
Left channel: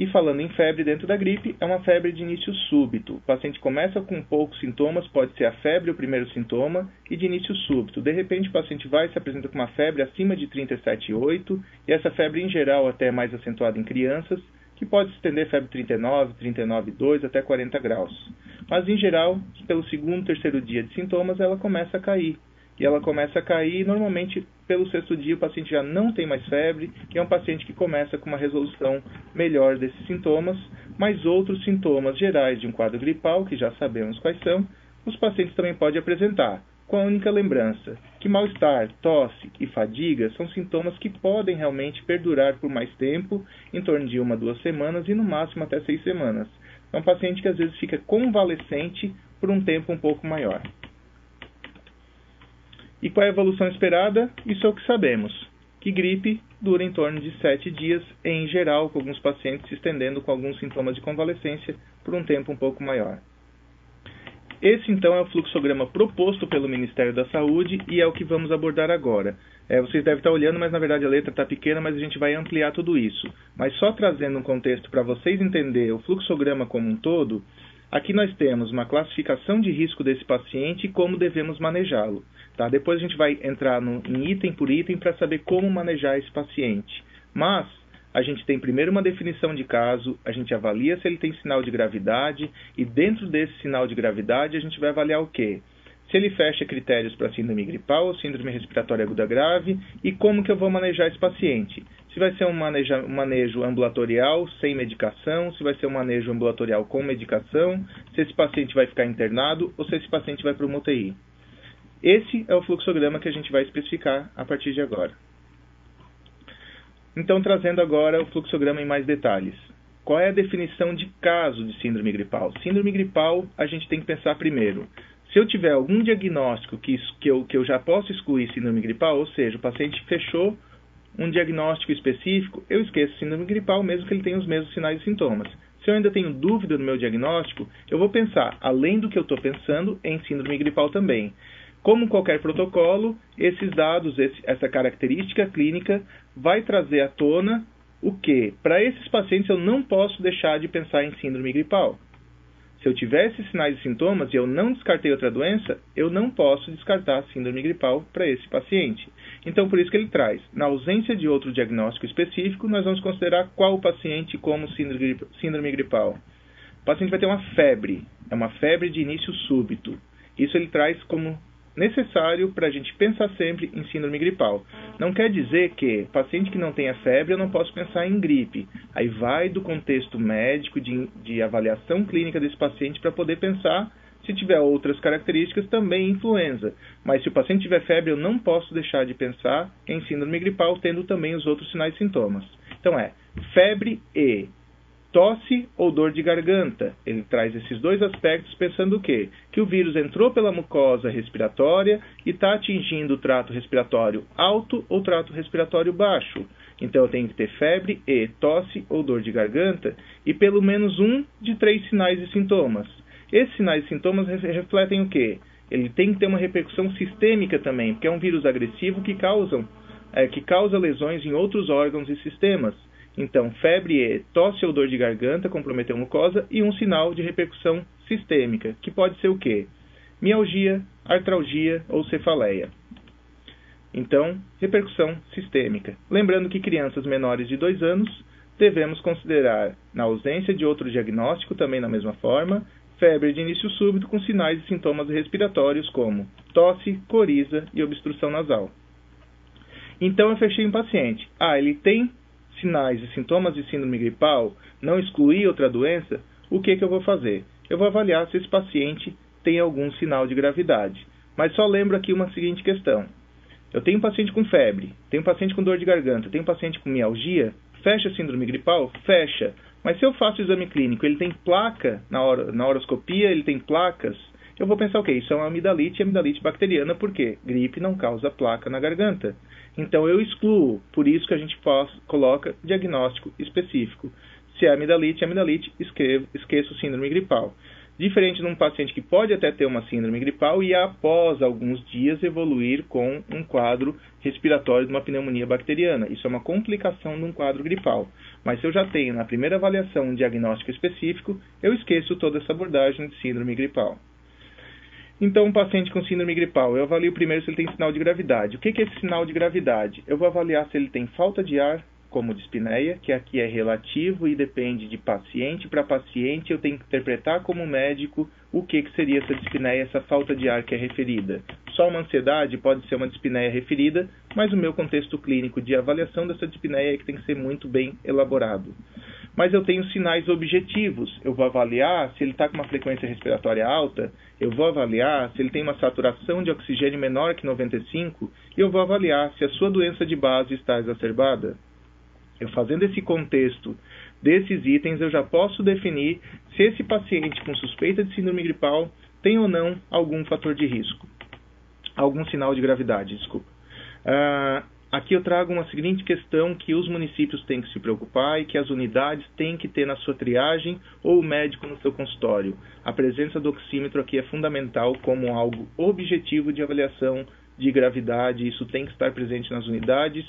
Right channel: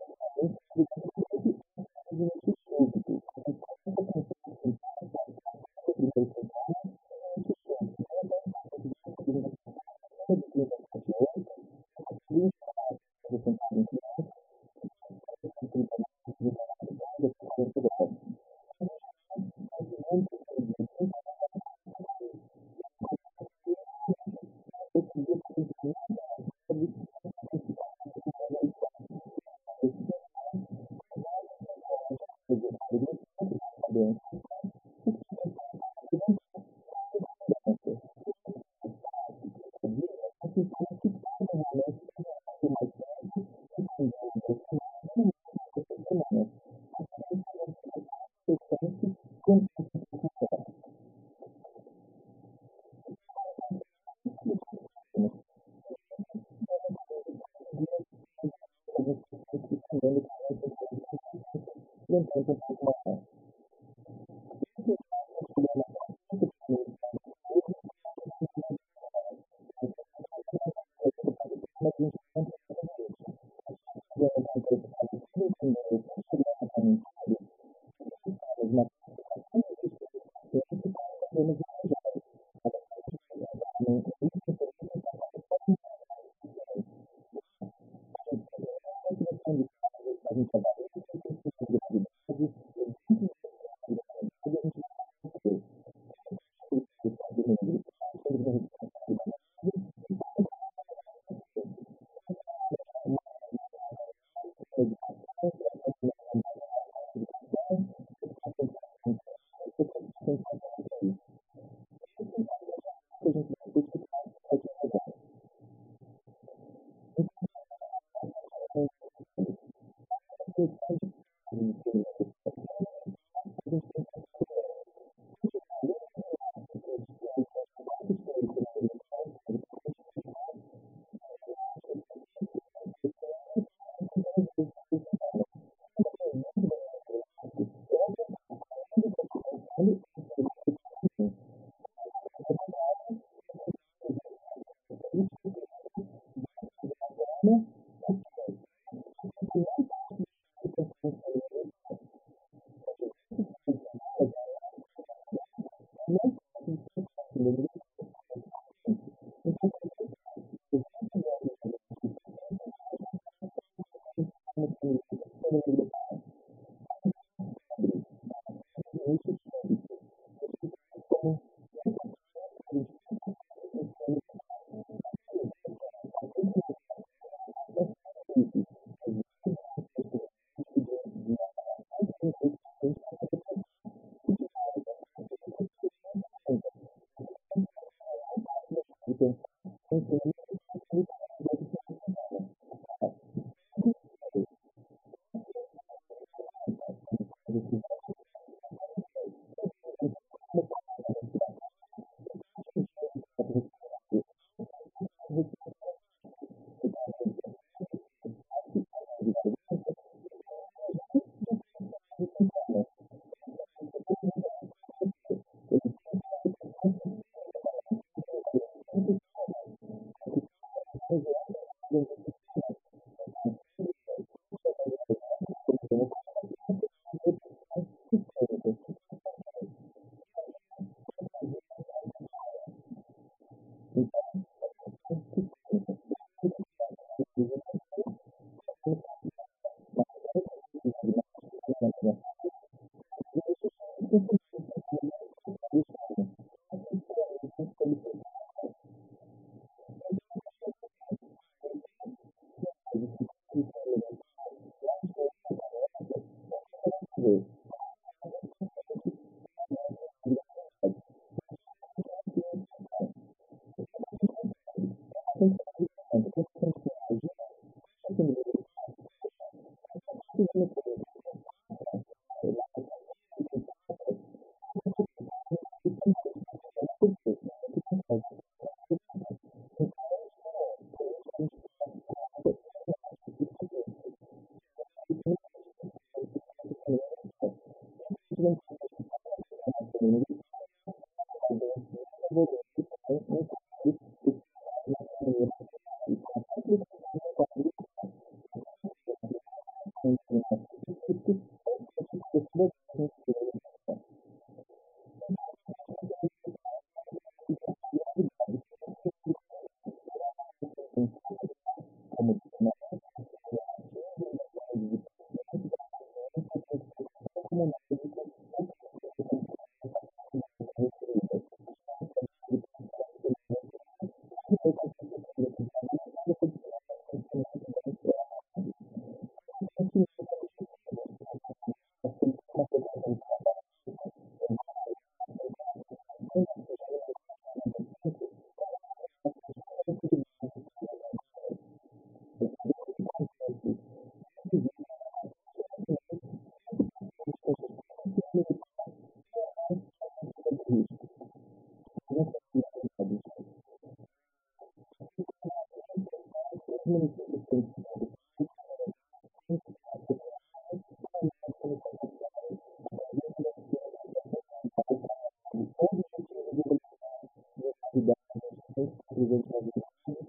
E falando em febre dentro da gripe, é uma febre de início súbito. O paciente começa com poucos sintomas, pode ser a febre o primeiro sintoma, e de início súbito. De repente, o paciente vai e se apresenta com uma febre acima de 37,8, e essa febre, em geral, até é mais acentuada em crianças, que pode se estender febre 39, 39,2 até 40 graus. Mas, em geral, pelo segundo, terceiro dia de sintomas, ela começa a cair. E ela começa a cair, normalmente, pelo sexto dia, o paciente já não tem mais febre, e é um paciente que começa com uma resolução melhor desses sintomas, mas outros sintomas gerais de um quadro gripal, que já sabemos quais são, os pacientes também podem apresentar, com a única lembrança que mal-estar, tosse e fadiga são sintomas que podem realmente perdurar por mais tempo, em torno de 1 a 2 semanas e no máximo até 6 semanas. É um paciente que às vezes fica convalescente por um tempo um pouco maior. E qual é a evolução esperada? Isso é o que sabemos, que gripe dura em torno de 7 dias, em geral, com alguns pacientes se estendendo com alguns sintomas de convalescência por um tempo um pouco maior. Esse, então, é o fluxograma proposto pelo Ministério da Saúde e é o que vamos abordar agora. Vocês devem estar olhando, mas na verdade a letra está pequena, mas a gente vai ampliar tudo isso. Mas só trazendo um contexto para vocês entenderem o fluxograma como um todo, aqui nós temos uma classificação de risco desse paciente e como devemos manejá-lo. Tá? Depois a gente vai entrar em item por item para saber como manejar esse paciente. Mas a gente tem primeiro uma definição de caso, a gente avalia se ele tem sinal de gravidade e dentro desse sinal de gravidade a gente vai avaliar o quê? Se ele fecha critérios para síndrome gripal ou síndrome respiratória aguda grave e como que eu vou manejar esse paciente. Se vai ser um manejo ambulatorial sem medicação, se vai ser um manejo ambulatorial com medicação, se esse paciente vai ficar internado ou se esse paciente vai para uma UTI. Esse é o fluxograma que a gente vai especificar a partir de agora. Então, trazendo agora o fluxograma em mais detalhes. Qual é a definição de caso de síndrome gripal? Síndrome gripal, a gente tem que pensar primeiro. Se eu tiver algum diagnóstico que eu já posso excluir síndrome gripal, ou seja, o paciente fechou um diagnóstico específico, eu esqueço síndrome gripal, mesmo que ele tenha os mesmos sinais e sintomas. Se eu ainda tenho dúvida no meu diagnóstico, eu vou pensar, além do que eu estou pensando, em síndrome gripal também. Como qualquer protocolo, esses dados, essa característica clínica vai trazer à tona o que? Para esses pacientes eu não posso deixar de pensar em síndrome gripal. Se eu tiver esses sinais e sintomas e eu não descartei outra doença, eu não posso descartar síndrome gripal para esse paciente. Então, por isso que ele traz, na ausência de outro diagnóstico específico, nós vamos considerar qual o paciente como síndrome gripal. O paciente vai ter uma febre, é uma febre de início súbito. Isso ele traz como necessário para a gente pensar sempre em síndrome gripal. Não quer dizer que paciente que não tenha febre eu não posso pensar em gripe. Aí vai do contexto médico, de avaliação clínica desse paciente para poder pensar se tiver outras características também influenza. Mas se o paciente tiver febre eu não posso deixar de pensar em síndrome gripal tendo também os outros sinais e sintomas. Então febre e tosse ou dor de garganta. Ele traz esses dois aspectos pensando o quê? Que o vírus entrou pela mucosa respiratória e está atingindo o trato respiratório alto ou trato respiratório baixo. Então eu tenho que ter febre e tosse ou dor de garganta e pelo menos um de 3 sinais e sintomas. Esses sinais e sintomas refletem o quê? Ele tem que ter uma repercussão sistêmica também, porque é um vírus agressivo que causa lesões em outros órgãos e sistemas. Então, febre e tosse ou dor de garganta comprometeu a mucosa e um sinal de repercussão sistêmica, que pode ser o quê? Mialgia, artralgia ou cefaleia. Então, repercussão sistêmica. Lembrando que crianças menores de 2 anos devemos considerar, na ausência de outro diagnóstico, também da mesma forma, febre de início súbito com sinais e sintomas respiratórios como tosse, coriza e obstrução nasal. Então, eu fechei um paciente. Ele tem sinais e sintomas de síndrome gripal, não excluir outra doença, o que eu vou fazer? Eu vou avaliar se esse paciente tem algum sinal de gravidade. Mas só lembro aqui uma seguinte questão. Eu tenho um paciente com febre, tenho um paciente com dor de garganta, tenho um paciente com mialgia, fecha a síndrome gripal? Fecha. Mas se eu faço o exame clínico, ele tem placa na horoscopia, ele tem placas, eu vou pensar, ok, isso é uma amidalite e amidalite bacteriana, por quê? Gripe não causa placa na garganta. Então eu excluo, por isso que a gente coloca diagnóstico específico. Se é amidalite, esqueço síndrome gripal. Diferente de um paciente que pode até ter uma síndrome gripal e após alguns dias evoluir com um quadro respiratório de uma pneumonia bacteriana. Isso é uma complicação de um quadro gripal. Mas se eu já tenho na primeira avaliação um diagnóstico específico, eu esqueço toda essa abordagem de síndrome gripal. Então, um paciente com síndrome gripal, eu avalio primeiro se ele tem sinal de gravidade. O que é esse sinal de gravidade? Eu vou avaliar se ele tem falta de ar, como dispneia, que aqui é relativo e depende de paciente para paciente. Eu tenho que interpretar como médico o que seria essa dispneia, essa falta de ar que é referida. Só uma ansiedade pode ser uma dispneia referida, mas o meu contexto clínico de avaliação dessa dispneia é que tem que ser muito bem elaborado. Mas eu tenho sinais objetivos. Eu vou avaliar se ele está com uma frequência respiratória alta, eu vou avaliar se ele tem uma saturação de oxigênio menor que 95 e eu vou avaliar se a sua doença de base está exacerbada. Eu fazendo esse contexto desses itens, eu já posso definir se esse paciente com suspeita de síndrome gripal tem ou não algum fator de risco, algum sinal de gravidade, desculpa. Aqui eu trago uma seguinte questão que os municípios têm que se preocupar e que as unidades têm que ter na sua triagem ou o médico no seu consultório. A presença do oxímetro aqui é fundamental como algo objetivo de avaliação de gravidade, isso tem que estar presente nas unidades.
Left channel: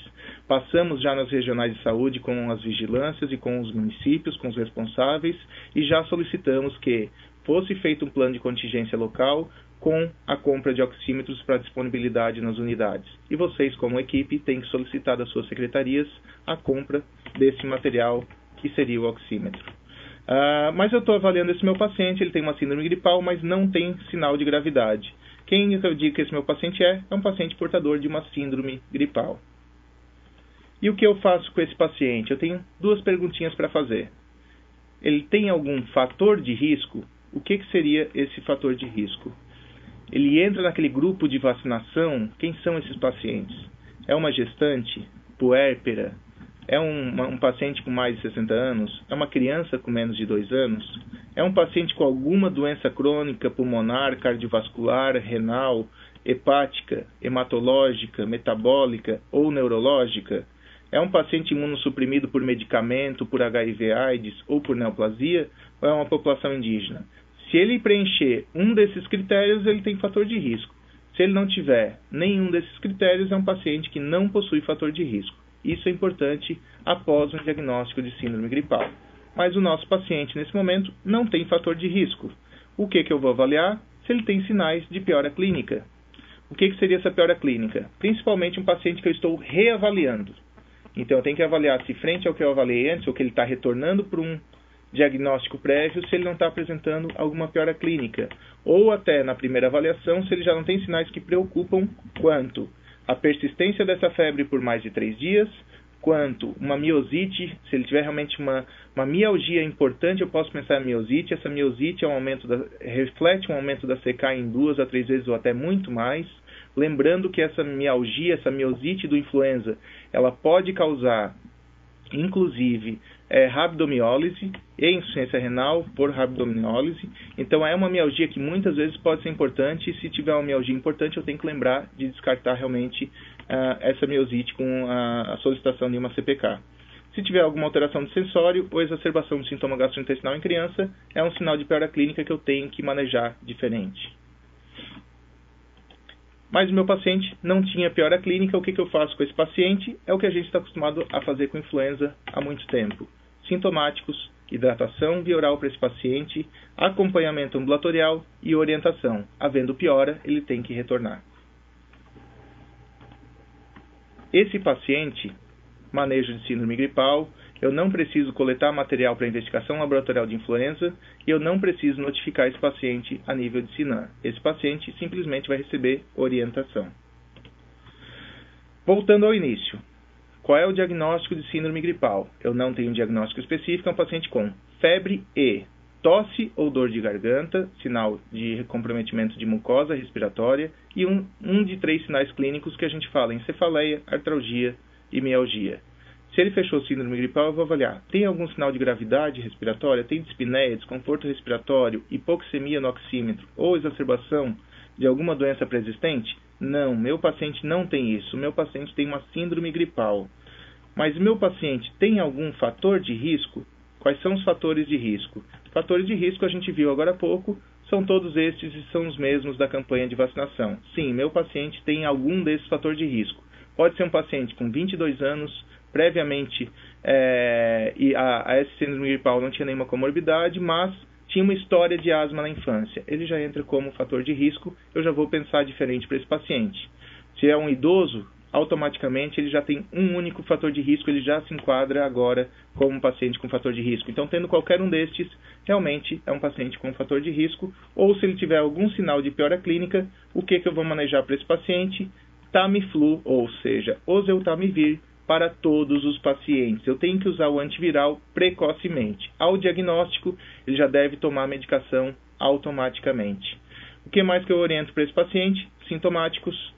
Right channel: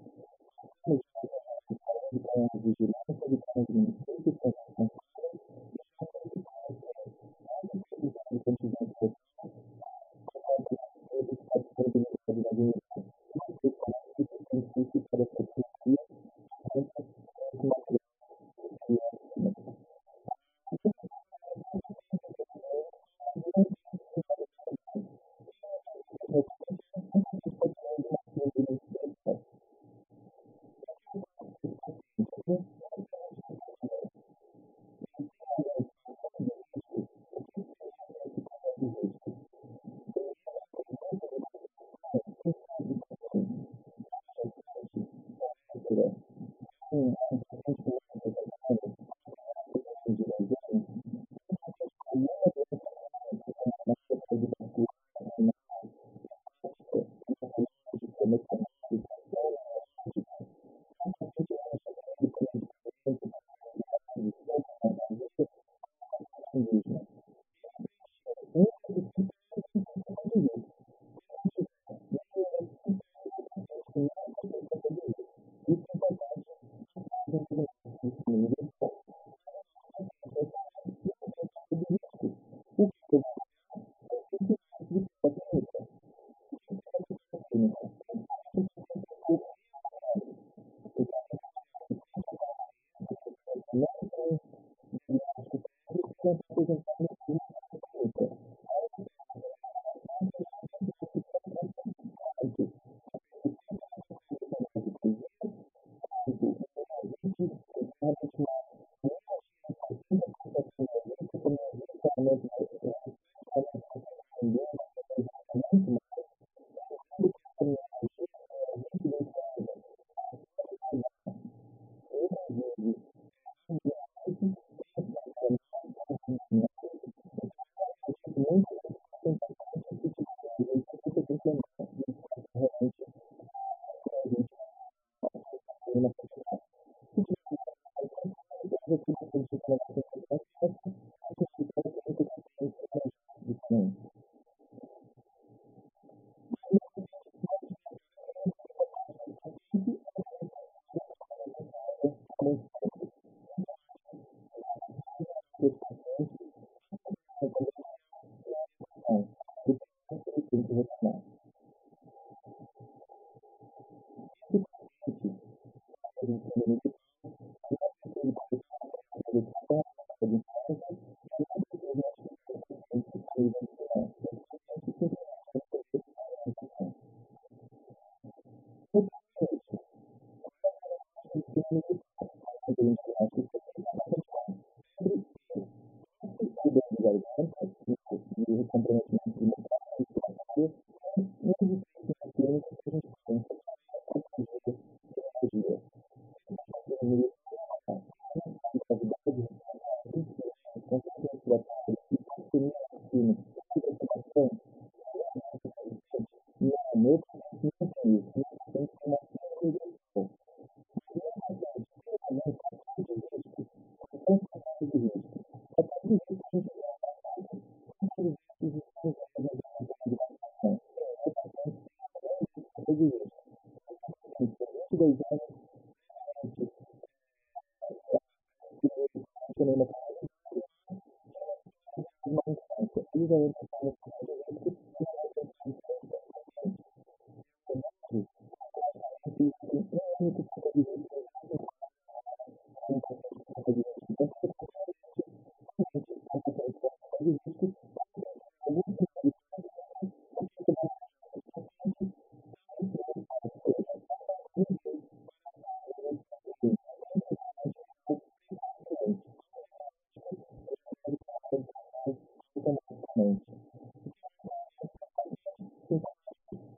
Passamos já nas regionais de saúde com as vigilâncias e com os municípios, com os responsáveis, e já solicitamos que fosse feito um plano de contingência local com a compra de oxímetros para disponibilidade nas unidades. E vocês, como equipe, têm que solicitar das suas secretarias a compra desse material que seria o oxímetro. Mas eu estou avaliando esse meu paciente, ele tem uma síndrome gripal, mas não tem sinal de gravidade. Quem eu digo que esse meu paciente é um paciente portador de uma síndrome gripal. E o que eu faço com esse paciente? Eu tenho duas perguntinhas para fazer. Ele tem algum fator de risco? O que seria esse fator de risco? Ele entra naquele grupo de vacinação? Quem são esses pacientes? É uma gestante? Puérpera? É um paciente com mais de 60 anos? É uma criança com menos de 2 anos? É um paciente com alguma doença crônica, pulmonar, cardiovascular, renal, hepática, hematológica, metabólica ou neurológica? É um paciente imunossuprimido por medicamento, por HIV/AIDS ou por neoplasia? Ou é uma população indígena? Se ele preencher um desses critérios, ele tem fator de risco. Se ele não tiver nenhum desses critérios, é um paciente que não possui fator de risco. Isso é importante após um diagnóstico de síndrome gripal. Mas o nosso paciente, nesse momento, não tem fator de risco. O que eu vou avaliar? Se ele tem sinais de piora clínica. O que seria essa piora clínica? Principalmente um paciente que eu estou reavaliando. Então, eu tenho que avaliar se frente ao que eu avaliei antes, ou que ele está retornando para um diagnóstico prévio, se ele não está apresentando alguma piora clínica. Ou até na primeira avaliação, se ele já não tem sinais que preocupam quanto a persistência dessa febre por mais de 3 dias, quanto uma miosite, se ele tiver realmente uma mialgia importante, eu posso pensar em miosite. Essa miosite reflete um aumento da CK em 2 a 3 vezes ou até muito mais. Lembrando que essa mialgia, essa miosite do influenza, ela pode causar, inclusive, rabdomiólise e insuficiência renal por rabdomiólise. Então, é uma mialgia que muitas vezes pode ser importante. E se tiver uma mialgia importante, eu tenho que lembrar de descartar realmente essa miosite com a solicitação de uma CPK. Se tiver alguma alteração de sensório ou exacerbação do sintoma gastrointestinal em criança, é um sinal de piora clínica que eu tenho que manejar diferente. Mas o meu paciente não tinha piora clínica. O que eu faço com esse paciente? É o que a gente está acostumado a fazer com influenza há muito tempo. Sintomáticos, hidratação via oral para esse paciente, acompanhamento ambulatorial e orientação. Havendo piora, ele tem que retornar. Esse paciente, manejo de síndrome gripal, eu não preciso coletar material para investigação laboratorial de influenza e eu não preciso notificar esse paciente a nível de SINAM. Esse paciente simplesmente vai receber orientação. Voltando ao início. Qual é o diagnóstico de síndrome gripal? Eu não tenho um diagnóstico específico, é um paciente com febre e tosse ou dor de garganta, sinal de comprometimento de mucosa respiratória, e um de 3 sinais clínicos que a gente fala em cefaleia, artralgia e mialgia. Se ele fechou síndrome gripal, eu vou avaliar. Tem algum sinal de gravidade respiratória? Tem dispneia, desconforto respiratório, hipoxemia no oxímetro ou exacerbação de alguma doença pré-existente? Não, meu paciente não tem isso. Meu paciente tem uma síndrome gripal. Mas o meu paciente tem algum fator de risco? Quais são os fatores de risco? Fatores de risco, a gente viu agora há pouco, são todos estes e são os mesmos da campanha de vacinação. Sim, meu paciente tem algum desses fatores de risco. Pode ser um paciente com 22 anos, previamente e a essa síndrome gripal não tinha nenhuma comorbidade, mas tinha uma história de asma na infância. Ele já entra como fator de risco, eu já vou pensar diferente para esse paciente. Se é um idoso, automaticamente ele já tem um único fator de risco, ele já se enquadra agora como um paciente com fator de risco. Então, tendo qualquer um destes, realmente é um paciente com fator de risco, ou se ele tiver algum sinal de piora clínica, o que eu vou manejar para esse paciente? Tamiflu, ou seja, oseltamivir, para todos os pacientes. Eu tenho que usar o antiviral precocemente. Ao diagnóstico, ele já deve tomar a medicação automaticamente. O que mais que eu oriento para esse paciente? Sintomáticos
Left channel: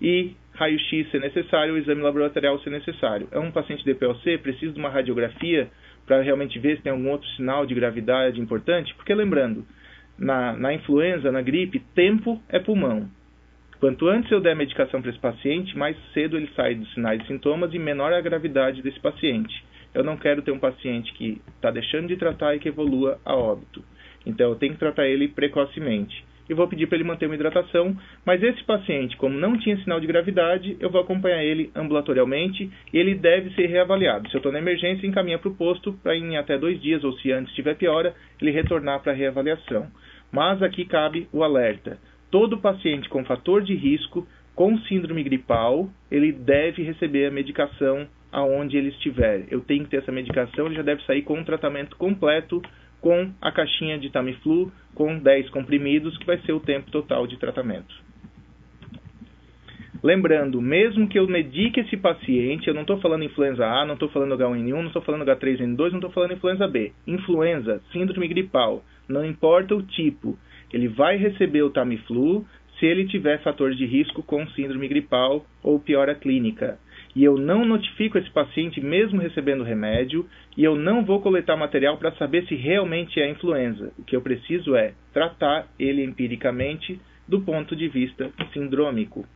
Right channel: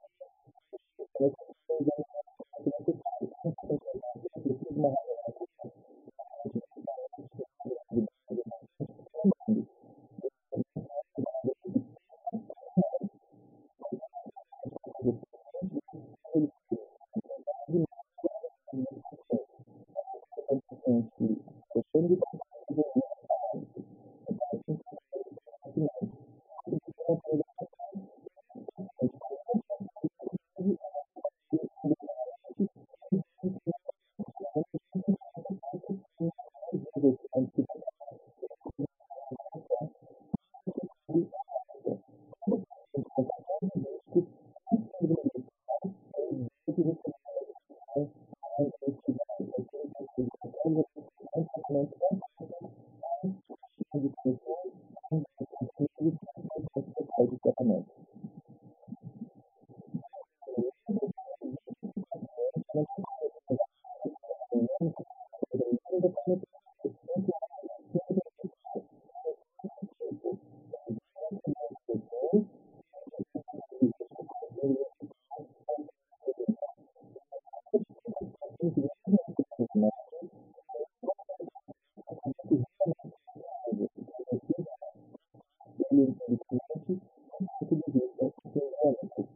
e raio-x se necessário, ou exame laboratorial se necessário. É um paciente DPOC, precisa de uma radiografia para realmente ver se tem algum outro sinal de gravidade importante? Porque lembrando, na influenza, na gripe, tempo é pulmão. Quanto antes eu der a medicação para esse paciente, mais cedo ele sai dos sinais e sintomas e menor é a gravidade desse paciente. Eu não quero ter um paciente que está deixando de tratar e que evolua a óbito. Então eu tenho que tratar ele precocemente. E vou pedir para ele manter uma hidratação, mas esse paciente, como não tinha sinal de gravidade, eu vou acompanhar ele ambulatorialmente e ele deve ser reavaliado. Se eu estou na emergência, encaminha para o posto para em até 2 dias, ou se antes tiver piora, ele retornar para a reavaliação. Mas aqui cabe o alerta. Todo paciente com fator de risco, com síndrome gripal, ele deve receber a medicação aonde ele estiver. Eu tenho que ter essa medicação, ele já deve sair com um tratamento completo, com a caixinha de Tamiflu, com 10 comprimidos, que vai ser o tempo total de tratamento. Lembrando, mesmo que eu medique esse paciente, eu não estou falando influenza A, não estou falando H1N1, não estou falando H3N2, não estou falando influenza B. Influenza, síndrome gripal, não importa o tipo, ele vai receber o Tamiflu se ele tiver fator de risco com síndrome gripal ou piora clínica. E eu não notifico esse paciente mesmo recebendo remédio, e eu não vou coletar material para saber se realmente é influenza. O que eu preciso é tratar ele empiricamente do ponto de vista sindrômico.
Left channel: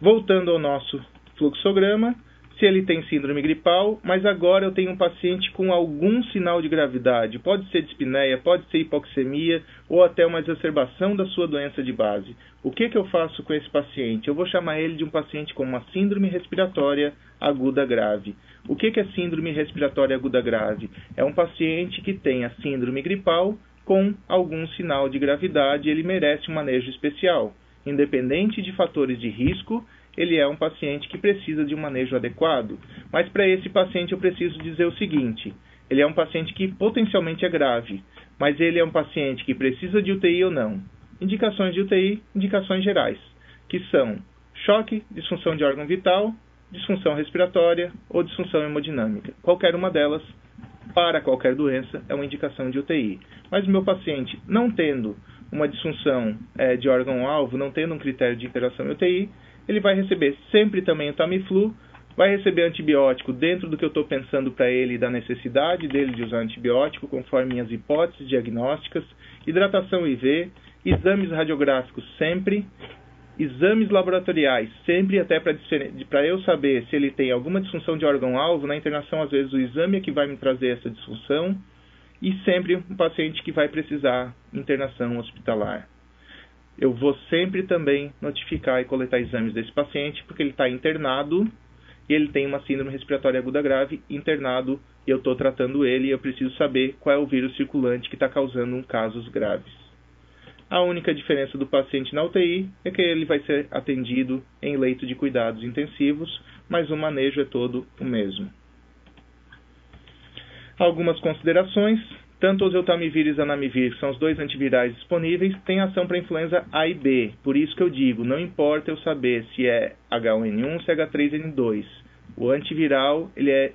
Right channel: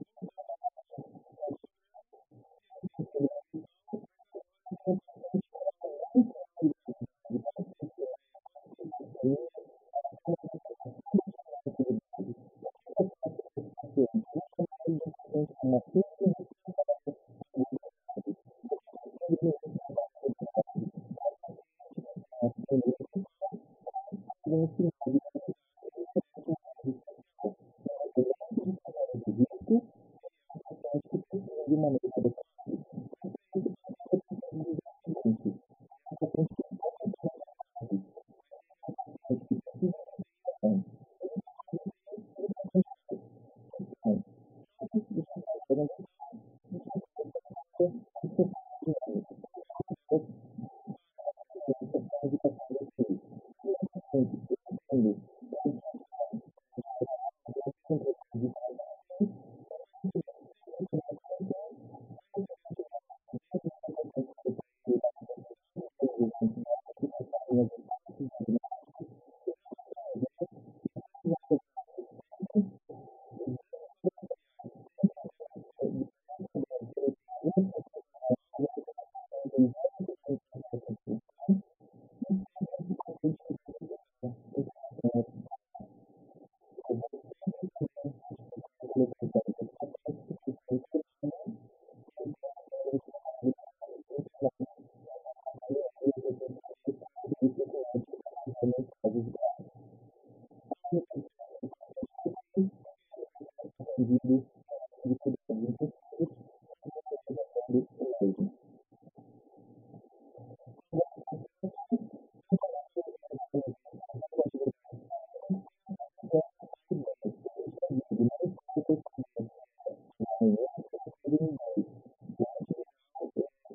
Voltando ao nosso fluxograma, se ele tem síndrome gripal, mas agora eu tenho um paciente com algum sinal de gravidade, pode ser dispneia, pode ser hipoxemia ou até uma exacerbação da sua doença de base. O que eu faço com esse paciente? Eu vou chamar ele de um paciente com uma síndrome respiratória aguda grave. O que é síndrome respiratória aguda grave? É um paciente que tem a síndrome gripal com algum sinal de gravidade, ele merece um manejo especial. Independente de fatores de risco, ele é um paciente que precisa de um manejo adequado. Mas para esse paciente eu preciso dizer o seguinte, ele é um paciente que potencialmente é grave, mas ele é um paciente que precisa de UTI ou não. Indicações de UTI, indicações gerais, que são choque, disfunção de órgão vital, disfunção respiratória ou disfunção hemodinâmica. Qualquer uma delas, para qualquer doença, é uma indicação de UTI. Mas o meu paciente, não tendo uma disfunção de órgão-alvo, não tendo um critério de interação em UTI, ele vai receber sempre também o Tamiflu, vai receber antibiótico dentro do que eu estou pensando para ele, da necessidade dele de usar antibiótico, conforme minhas hipóteses diagnósticas, hidratação IV, exames radiográficos sempre, exames laboratoriais sempre, até para eu saber se ele tem alguma disfunção de órgão-alvo. Na internação, às vezes, o exame é que vai me trazer essa disfunção, e sempre um paciente que vai precisar internação hospitalar. Eu vou sempre também notificar e coletar exames desse paciente, porque ele está internado e ele tem uma síndrome respiratória aguda grave, internado, e eu estou tratando ele e eu preciso saber qual é o vírus circulante que está causando casos graves. A única diferença do paciente na UTI é que ele vai ser atendido em leito de cuidados intensivos, mas o manejo é todo o mesmo. Algumas considerações. Tanto oseltamivir e zanamivir, que são os 2 antivirais disponíveis, têm ação para influenza A e B. Por isso que eu digo, não importa eu saber se é H1N1 ou se é H3N2. O antiviral, ele é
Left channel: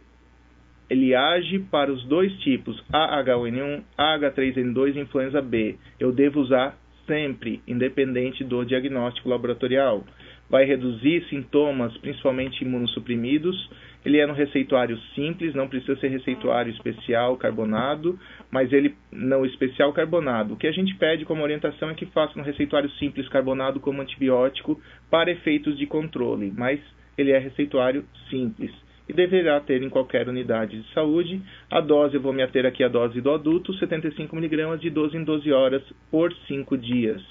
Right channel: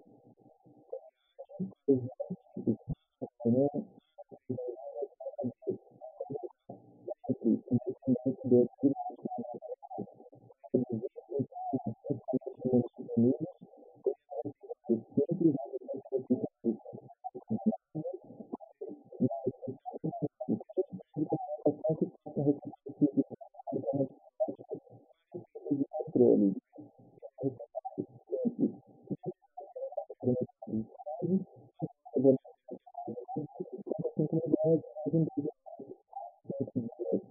ele age para os dois tipos, AH1N1, AH3N2 e influenza B. Eu devo usar sempre, independente do diagnóstico laboratorial. Vai reduzir sintomas, principalmente imunossuprimidos. Ele é no receituário simples, não precisa ser receituário especial carbonado, mas ele não especial carbonado. O que a gente pede como orientação é que faça um receituário simples carbonado como antibiótico para efeitos de controle, mas ele é receituário simples e deverá ter em qualquer unidade de saúde. A dose, eu vou me ater aqui à dose do adulto, 75 mg de 12 em 12 horas por 5 dias.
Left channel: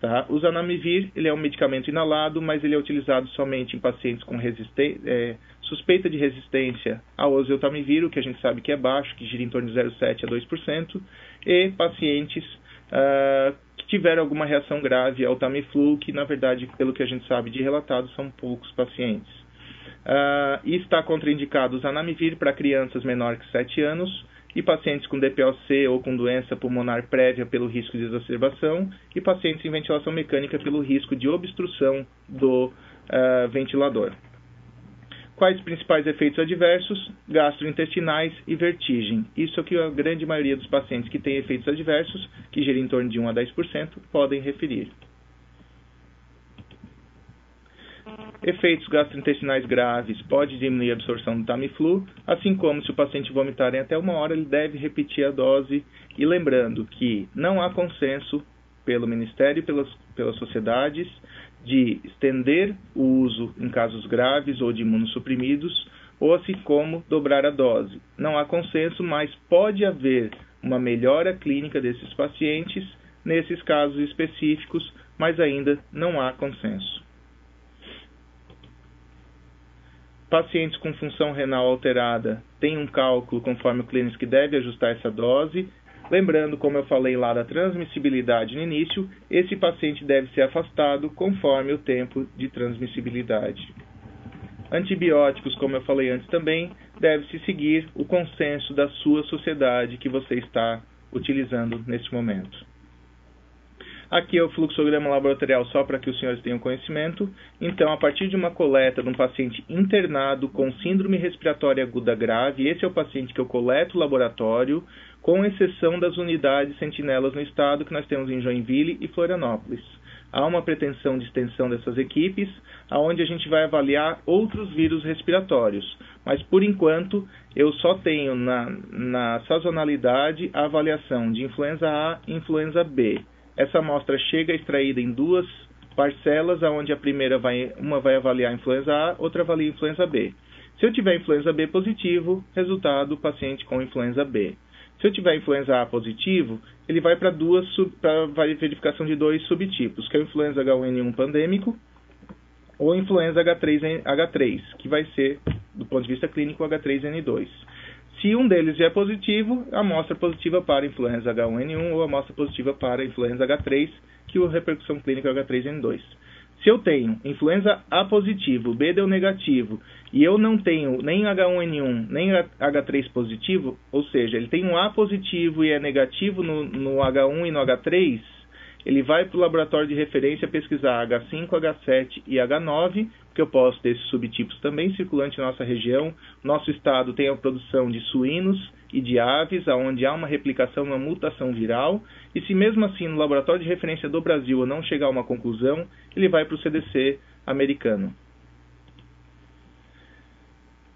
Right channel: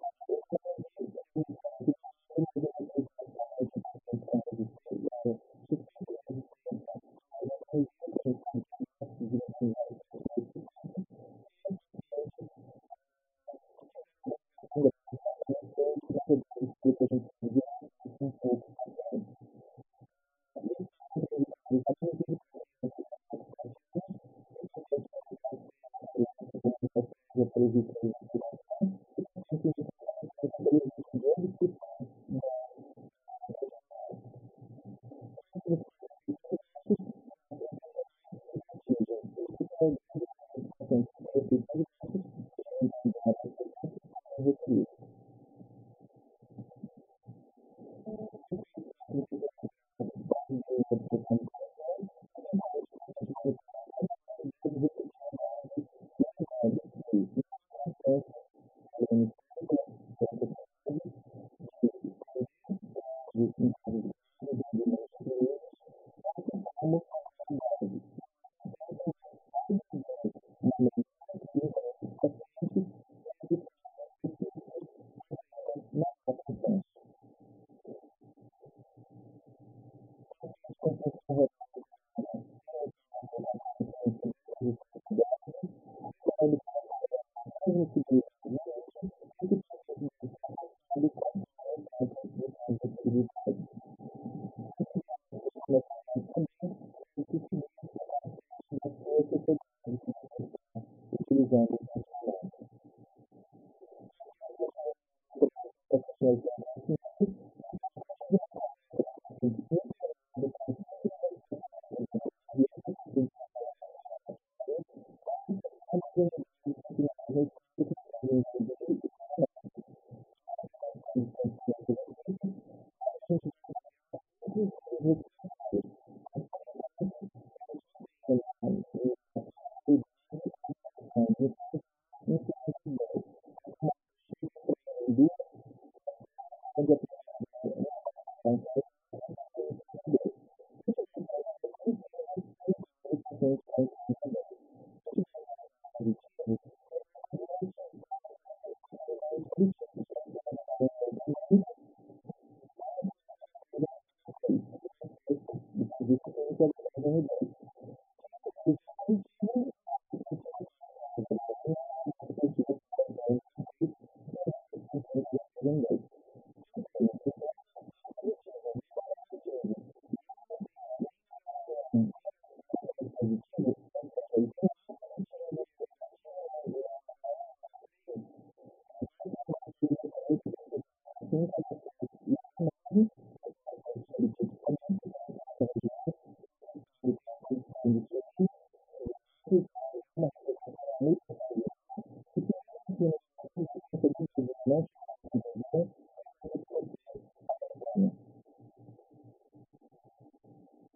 Tá? O Zanamivir, ele é um medicamento inalado, mas ele é utilizado somente em pacientes com suspeita de resistência ao oseltamivir, o que a gente sabe que é baixo, que gira em torno de 0,7% a 2%, e pacientes que tiveram alguma reação grave ao Tamiflu, que na verdade, pelo que a gente sabe de relatado, são poucos pacientes. E está contraindicado o Zanamivir para crianças menores que 7 anos, e pacientes com DPOC ou com doença pulmonar prévia pelo risco de exacerbação, e pacientes em ventilação mecânica pelo risco de obstrução do ventilador. Quais os principais efeitos adversos? Gastrointestinais e vertigem. Isso é o que a grande maioria dos pacientes que têm efeitos adversos, que giram em torno de 1 a 10%, podem referir. Efeitos gastrointestinais graves, pode diminuir a absorção do Tamiflu, assim como se o paciente vomitar em até 1 hora, ele deve repetir a dose. E lembrando que não há consenso pelo Ministério e pelas sociedades de estender o uso em casos graves ou de imunossuprimidos, ou assim como dobrar a dose. Não há consenso, mas pode haver uma melhora clínica desses pacientes nesses casos específicos, mas ainda não há consenso. Pacientes com função renal alterada têm um cálculo conforme o clínico que deve ajustar essa dose. Lembrando, como eu falei lá da transmissibilidade no início, esse paciente deve ser afastado conforme o tempo de transmissibilidade. Antibióticos, como eu falei antes também, deve-se seguir o consenso da sua sociedade que você está utilizando neste momento. Aqui é o fluxograma laboratorial só para que os senhores tenham conhecimento. Então, a partir de uma coleta de um paciente internado com síndrome respiratória aguda grave, esse é o paciente que eu coleto o laboratório, com exceção das unidades sentinelas no estado que nós temos em Joinville e Florianópolis. Há uma pretensão de extensão dessas equipes, onde a gente vai avaliar outros vírus respiratórios. Mas, por enquanto, eu só tenho na sazonalidade a avaliação de influenza A e influenza B. Essa amostra chega extraída em 2 parcelas, onde a primeira uma vai avaliar a influenza A, outra avalia a influenza B. Se eu tiver influenza B positivo, resultado, paciente com influenza B. Se eu tiver influenza A positivo, ele vai para verificação de 2 subtipos, que é o influenza H1N1 pandêmico ou influenza H3, que vai ser, do ponto de vista clínico, o H3N2. Se um deles é positivo, amostra positiva para influenza H1N1 ou amostra positiva para influenza H3, que a repercussão clínica é H3N2. Se eu tenho influenza A positivo, B deu negativo, e eu não tenho nem H1N1 nem H3 positivo, ou seja, ele tem um A positivo e é negativo no H1 e no H3, ele vai para o laboratório de referência pesquisar H5, H7 e H9, porque eu posso ter esses subtipos também circulantes na nossa região. Nosso estado tem a produção de suínos e de aves, onde há uma replicação, uma mutação viral, e se mesmo assim no laboratório de referência do Brasil eu não chegar a uma conclusão, ele vai para o CDC americano.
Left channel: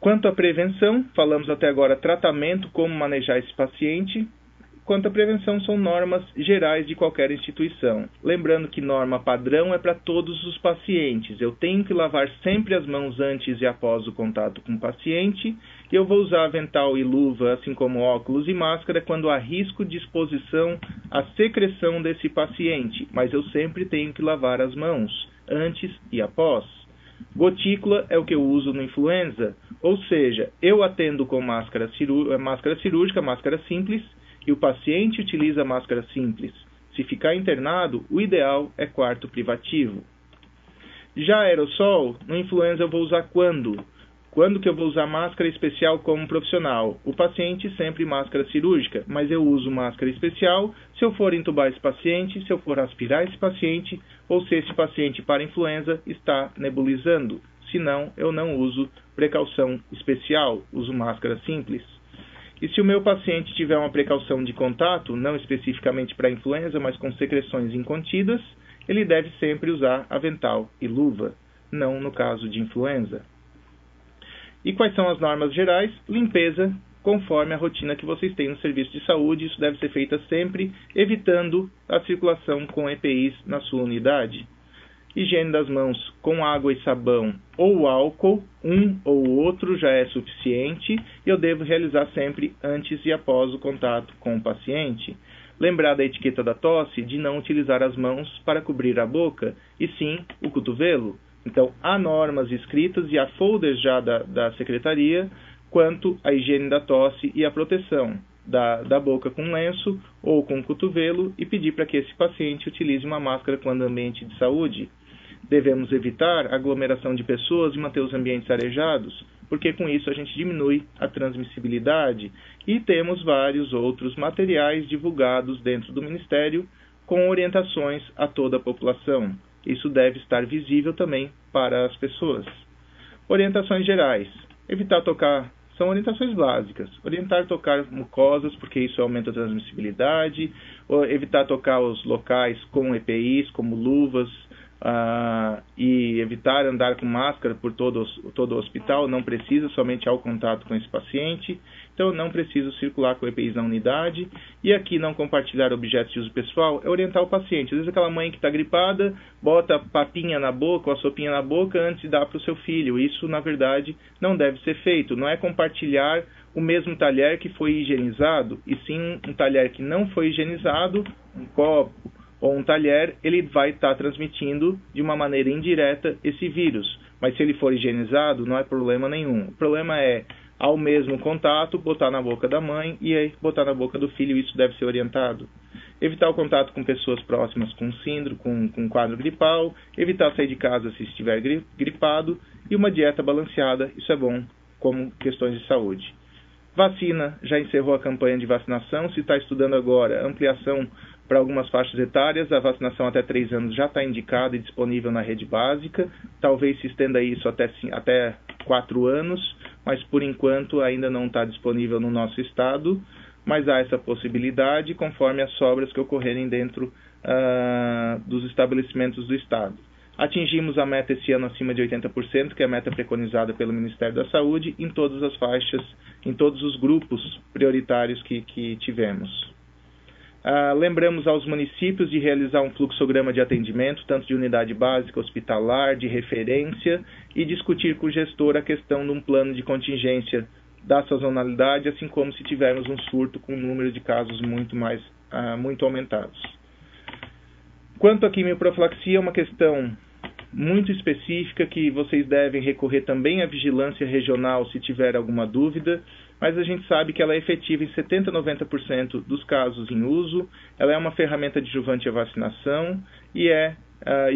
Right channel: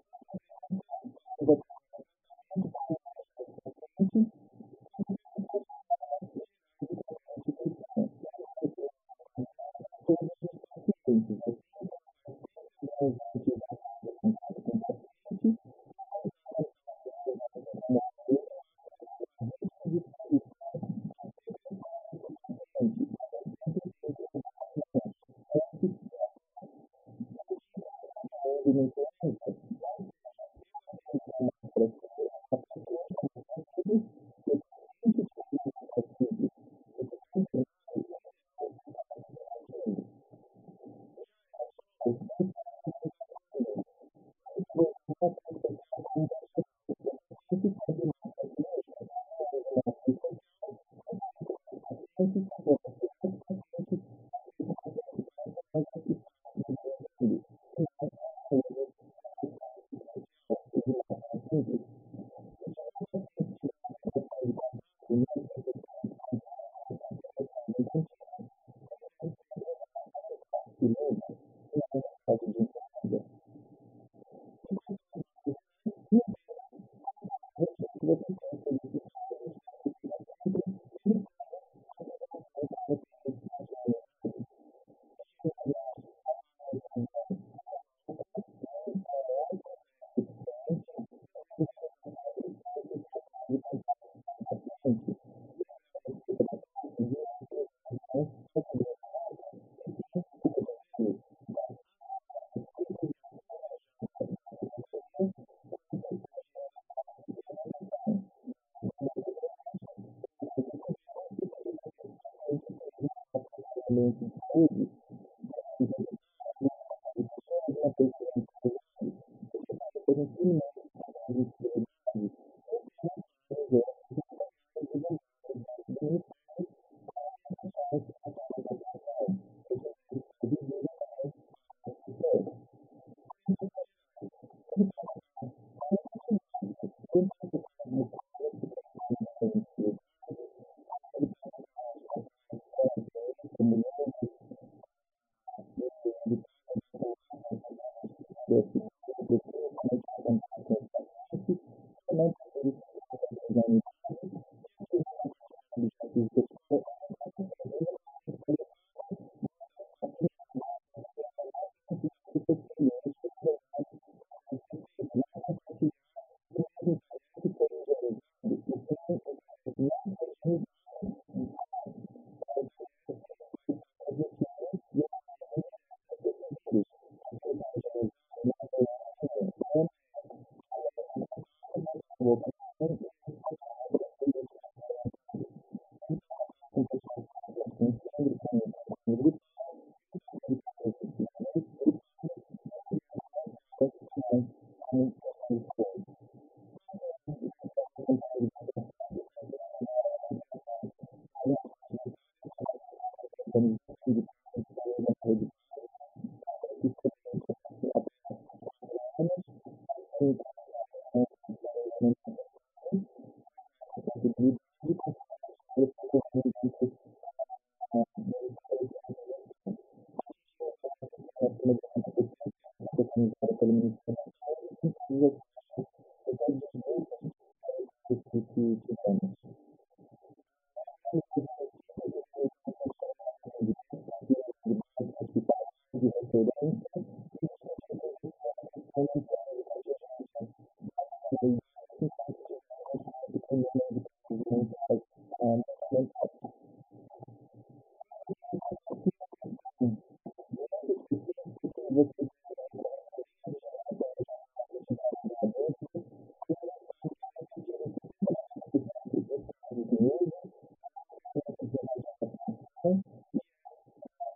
Quanto à prevenção, falamos até agora tratamento, como manejar esse paciente. Quanto à prevenção, são normas gerais de qualquer instituição. Lembrando que norma padrão é para todos os pacientes. Eu tenho que lavar sempre as mãos antes e após o contato com o paciente. E eu vou usar avental e luva, assim como óculos e máscara, quando há risco de exposição à secreção desse paciente. Mas eu sempre tenho que lavar as mãos, antes e após. Gotícula é o que eu uso no influenza. Ou seja, eu atendo com máscara cirúrgica, máscara simples, e o paciente utiliza máscara simples. Se ficar internado, o ideal é quarto privativo. Já aerossol, no influenza eu vou usar quando? Quando que eu vou usar máscara especial como profissional? O paciente sempre máscara cirúrgica, mas eu uso máscara especial se eu for entubar esse paciente, se eu for aspirar esse paciente, ou se esse paciente para influenza está nebulizando. senão eu não uso precaução especial, uso máscara simples. E se o meu paciente tiver uma precaução de contato, não especificamente para influenza, mas com secreções incontidas, ele deve sempre usar avental e luva, não no caso de influenza. E quais são as normas gerais? Limpeza, conforme a rotina que vocês têm no serviço de saúde. Isso deve ser feita sempre, evitando a circulação com EPIs na sua unidade. Higiene das mãos com água e sabão ou álcool, um ou outro já é suficiente, e eu devo realizar sempre antes e após o contato com o paciente. Lembrar da etiqueta da tosse de não utilizar as mãos para cobrir a boca, e sim o cotovelo. Então, há normas escritas e há folders já da secretaria quanto à higiene da tosse e a proteção da boca com lenço ou com cotovelo, e pedir para que esse paciente utilize uma máscara quando ambiente de saúde. Devemos evitar aglomeração de pessoas e manter os ambientes arejados, porque com isso a gente diminui a transmissibilidade, e temos vários outros materiais divulgados dentro do Ministério com orientações a toda a população. Isso deve estar visível também para as pessoas. Orientações gerais. Evitar tocar, são orientações básicas. Orientar tocar mucosas, porque isso aumenta a transmissibilidade. Evitar tocar os locais com EPIs, como luvas, e evitar andar com máscara por todo o hospital. Não precisa, somente ao contato com esse paciente. Então, eu não preciso circular com EPIs na unidade. E aqui, não compartilhar objetos de uso pessoal é orientar o paciente. Às vezes, aquela mãe que está gripada, bota a papinha na boca ou a sopinha na boca antes de dar para o seu filho. Isso, na verdade, não deve ser feito. Não é compartilhar o mesmo talher que foi higienizado, e sim um talher que não foi higienizado, um copo ou um talher, ele vai estar transmitindo de uma maneira indireta esse vírus. Mas se ele for higienizado, não é problema nenhum. O problema é, ao mesmo contato, botar na boca da mãe e aí botar na boca do filho. Isso deve ser orientado. Evitar o contato com pessoas próximas com síndrome, com quadro gripal. Evitar sair de casa se estiver gripado. E uma dieta balanceada, isso é bom como questões de saúde. Vacina, já encerrou a campanha de vacinação. Se está estudando agora ampliação para algumas faixas etárias, a vacinação até 3 anos já está indicada e disponível na rede básica. Talvez se estenda isso até 4 anos, mas por enquanto ainda não está disponível no nosso estado. Mas há essa possibilidade conforme as sobras que ocorrerem dentro dos estabelecimentos do estado. Atingimos a meta esse ano acima de 80%, que é a meta preconizada pelo Ministério da Saúde, em todas as faixas, em todos os grupos prioritários que tivemos. Lembramos aos municípios de realizar um fluxograma de atendimento, tanto de unidade básica, hospitalar, de referência, e discutir com o gestor a questão de um plano de contingência da sazonalidade, assim como se tivermos um surto com um número de casos muito aumentados. Quanto à quimioprofilaxia, é uma questão muito específica que vocês devem recorrer também à vigilância regional se tiver alguma dúvida, mas a gente sabe que ela é efetiva em 70% a 90% dos casos em uso. Ela é uma ferramenta adjuvante à vacinação e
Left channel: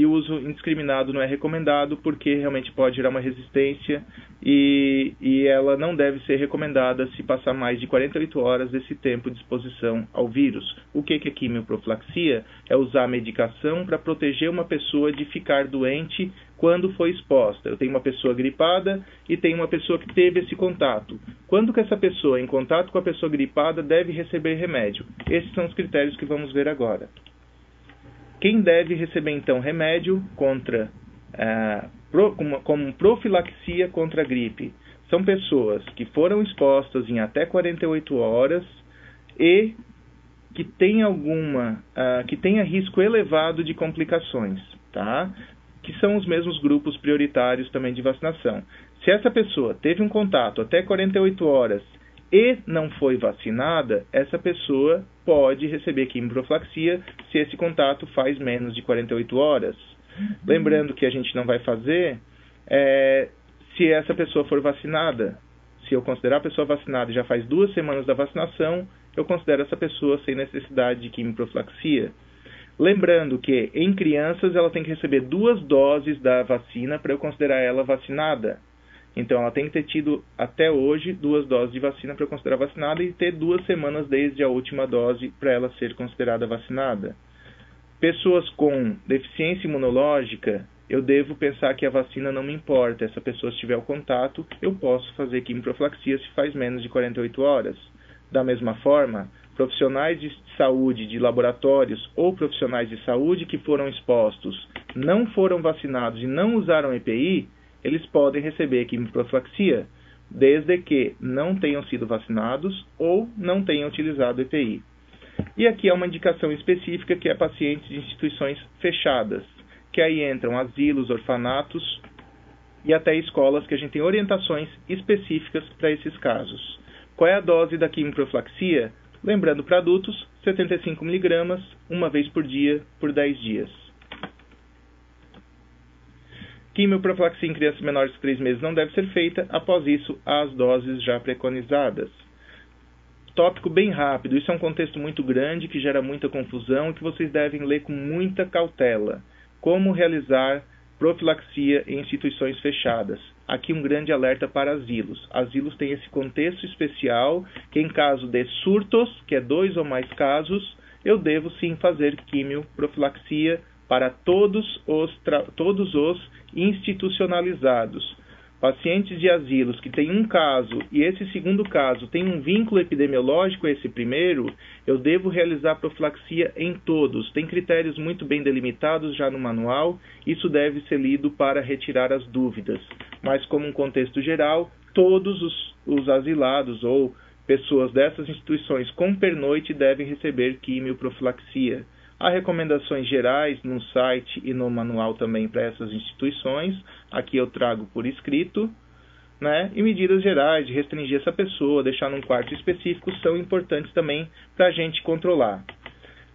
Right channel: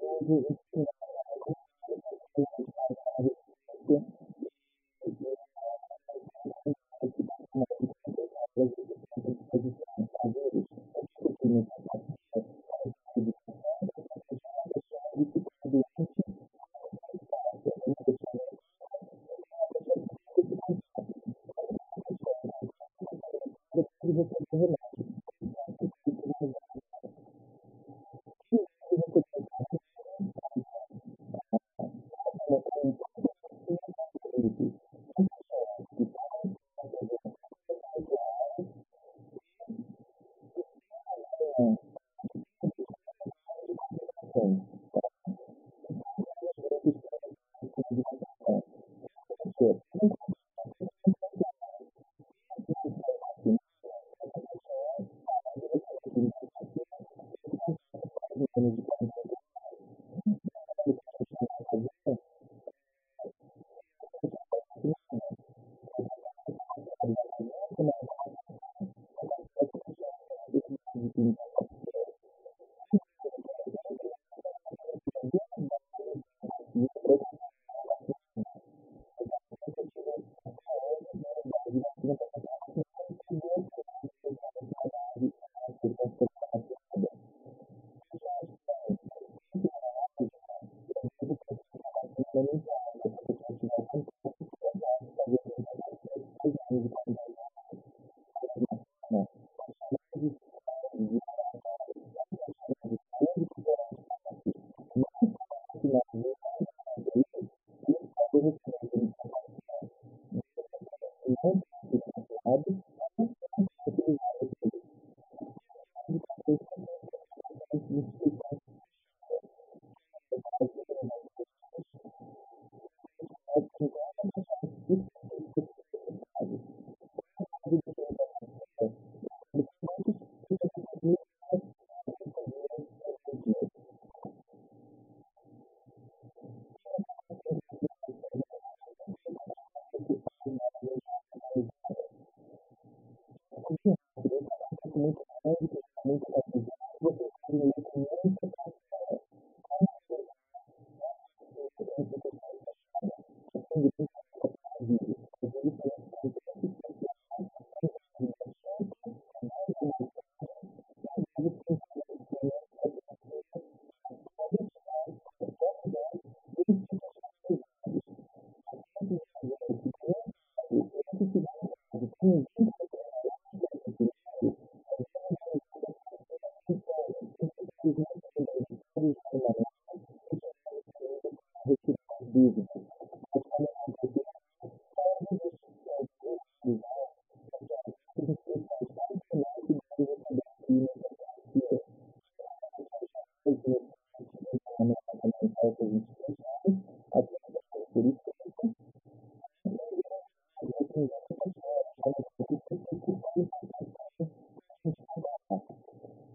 o uso indiscriminado não é recomendado, porque realmente pode gerar uma resistência, e ela não deve ser recomendada se passar mais de 48 horas desse tempo de exposição ao vírus. O que é quimioprofilaxia? É usar a medicação para proteger uma pessoa de ficar doente quando foi exposta. Eu tenho uma pessoa gripada e tenho uma pessoa que teve esse contato. Quando que essa pessoa, em contato com a pessoa gripada, deve receber remédio? Esses são os critérios que vamos ver agora. Quem deve receber, então, remédio como profilaxia contra a gripe? São pessoas que foram expostas em até 48 horas e que tenha risco elevado de complicações, tá? Que são os mesmos grupos prioritários também de vacinação. Se essa pessoa teve um contato até 48 horas e não foi vacinada, essa pessoa pode receber quimioprofilaxia se esse contato faz menos de 48 horas. Lembrando que a gente não vai fazer se essa pessoa for vacinada. Se eu considerar a pessoa vacinada e já faz 2 semanas da vacinação, eu considero essa pessoa sem necessidade de quimioprofilaxia. Lembrando que em crianças ela tem que receber 2 doses da vacina para eu considerar ela vacinada. Então, ela tem que ter tido, até hoje, 2 doses de vacina para considerar vacinada e ter 2 semanas desde a última dose para ela ser considerada vacinada. Pessoas com deficiência imunológica eu devo pensar que a vacina não me importa. Essa pessoa, se tiver o contato, eu posso fazer quimioprofilaxia se faz menos de 48 horas. Da mesma forma, profissionais de saúde de laboratórios ou profissionais de saúde que foram expostos, não foram vacinados e não usaram EPI, eles podem receber quimioprofilaxia, desde que não tenham sido vacinados ou não tenham utilizado EPI. E aqui é uma indicação específica que é pacientes de instituições fechadas, que aí entram asilos, orfanatos e até escolas que a gente tem orientações específicas para esses casos. Qual é a dose da quimioprofilaxia? Lembrando, para adultos, 75 mg, uma vez por dia, por 10 dias. Quimioprofilaxia em crianças menores de 3 meses não deve ser feita, após isso, as doses já preconizadas. Tópico bem rápido, isso é um contexto muito grande, que gera muita confusão, e que vocês devem ler com muita cautela. Como realizar profilaxia em instituições fechadas. Aqui um grande alerta para asilos. Asilos têm esse contexto especial, que em caso de surtos, que é 2 ou mais casos, eu devo sim fazer quimioprofilaxia para todos os institucionalizados. Pacientes de asilos que têm um caso e esse segundo caso tem um vínculo epidemiológico a esse primeiro, eu devo realizar profilaxia em todos. Tem critérios muito bem delimitados já no manual, isso deve ser lido para retirar as dúvidas. Mas como um contexto geral, todos os asilados ou pessoas dessas instituições com pernoite devem receber quimioprofilaxia. Há recomendações gerais no site e no manual também para essas instituições. Aqui eu trago por escrito, né? E medidas gerais de restringir essa pessoa, deixar num quarto específico, são importantes também para a gente controlar.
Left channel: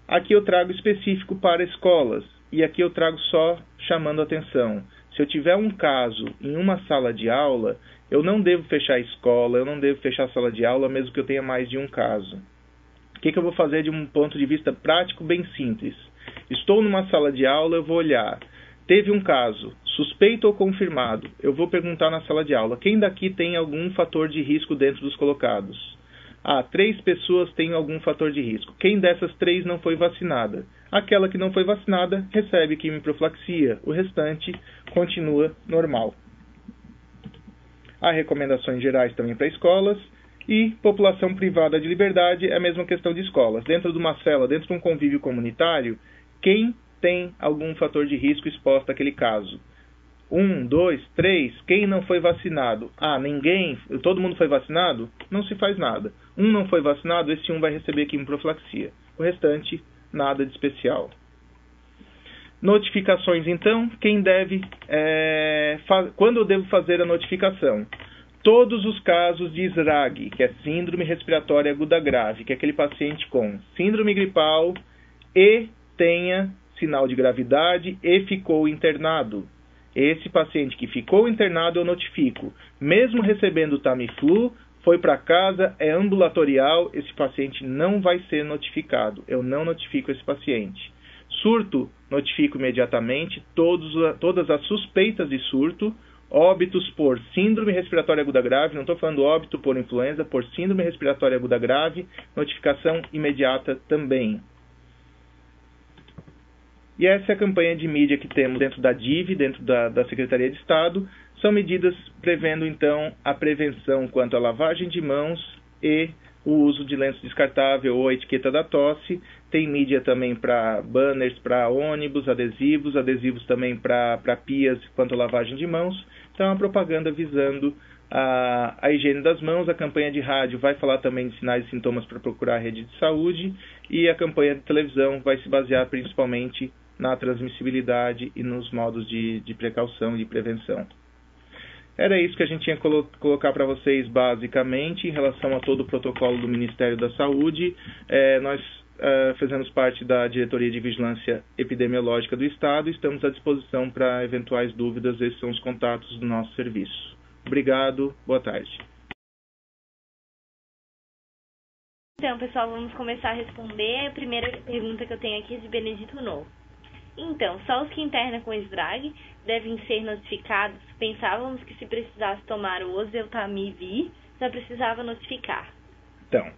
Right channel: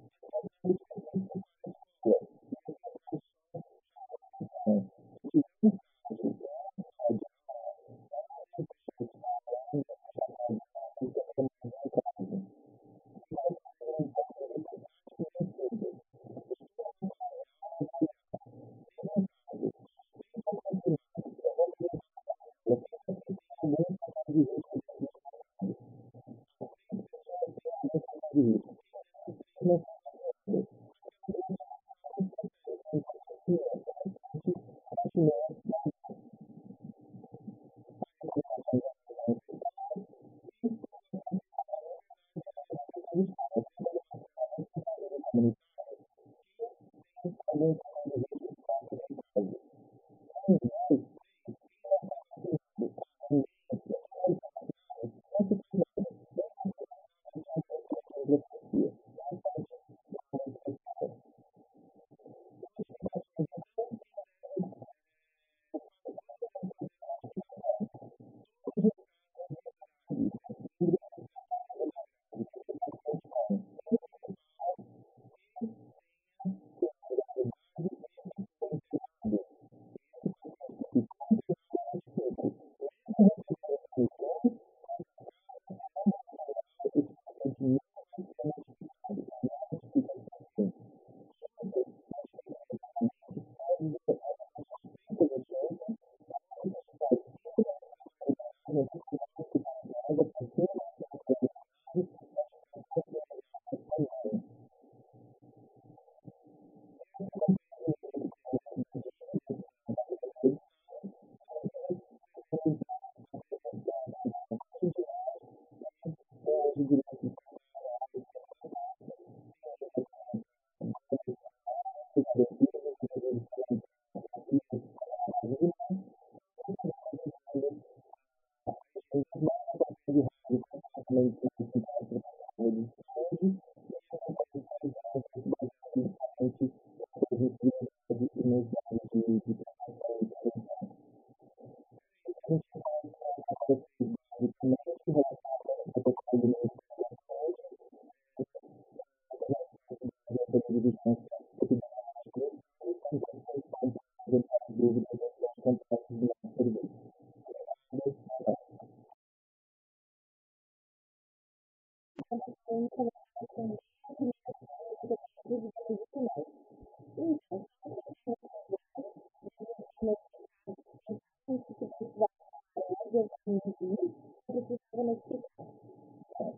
Aqui eu trago específico para escolas. E aqui eu trago só chamando atenção. Se eu tiver um caso em uma sala de aula, eu não devo fechar a escola, eu não devo fechar a sala de aula, mesmo que eu tenha mais de um caso. O que eu vou fazer de um ponto de vista prático bem simples? Estou numa sala de aula, eu vou olhar. Teve um caso, suspeito ou confirmado. Eu vou perguntar na sala de aula, quem daqui tem algum fator de risco dentro dos colocados? 3 pessoas têm algum fator de risco. Quem dessas 3 não foi vacinada? Aquela que não foi vacinada recebe quimioprofilaxia. O restante continua normal. Há recomendações gerais também para escolas. E população privada de liberdade é a mesma questão de escolas. Dentro de uma cela, dentro de um convívio comunitário, quem tem algum fator de risco exposto àquele caso? 1, 2, 3, quem não foi vacinado? Ninguém, todo mundo foi vacinado? Não se faz nada. Um não foi vacinado, esse um vai receber quimioprofilaxia. O restante, nada de especial. Notificações, então, quem deve, quando eu devo fazer a notificação? Todos os casos de SRAG, que é Síndrome Respiratória Aguda Grave, que é aquele paciente com síndrome gripal e tenha sinal de gravidade e ficou internado. Esse paciente que ficou internado eu notifico. Mesmo recebendo Tamiflu, foi para casa, é ambulatorial, esse paciente não vai ser notificado. Eu não notifico esse paciente. Surto, notifico imediatamente todas as suspeitas de surto. Óbitos por síndrome respiratória aguda grave, não estou falando óbito por influenza, por síndrome respiratória aguda grave, notificação imediata também. E essa é a campanha de mídia que temos dentro da DIV, dentro da Secretaria de Estado. São medidas prevendo, então, a prevenção quanto à lavagem de mãos e o uso de lenço descartável ou a etiqueta da tosse. Tem mídia também para banners, para ônibus, adesivos também para pias quanto à lavagem de mãos. Então, a propaganda visando a higiene das mãos. A campanha de rádio vai falar também de sinais e sintomas para procurar a rede de saúde. E a campanha de televisão vai se basear principalmente na transmissibilidade e nos modos de precaução e de prevenção. Era isso que a gente tinha que colocar para vocês basicamente em relação a todo o protocolo do Ministério da Saúde. Nós fazemos parte da Diretoria de Vigilância Epidemiológica do Estado e estamos à disposição para eventuais dúvidas. Esses são os contatos do nosso serviço. Obrigado, boa tarde. Então, pessoal, vamos começar a responder. A primeira pergunta que eu tenho aqui é de Benedito Novo. Então, só os que internam com SDRAG devem ser notificados? Pensávamos que se precisasse tomar o oseltamivir, só precisava notificar. Então,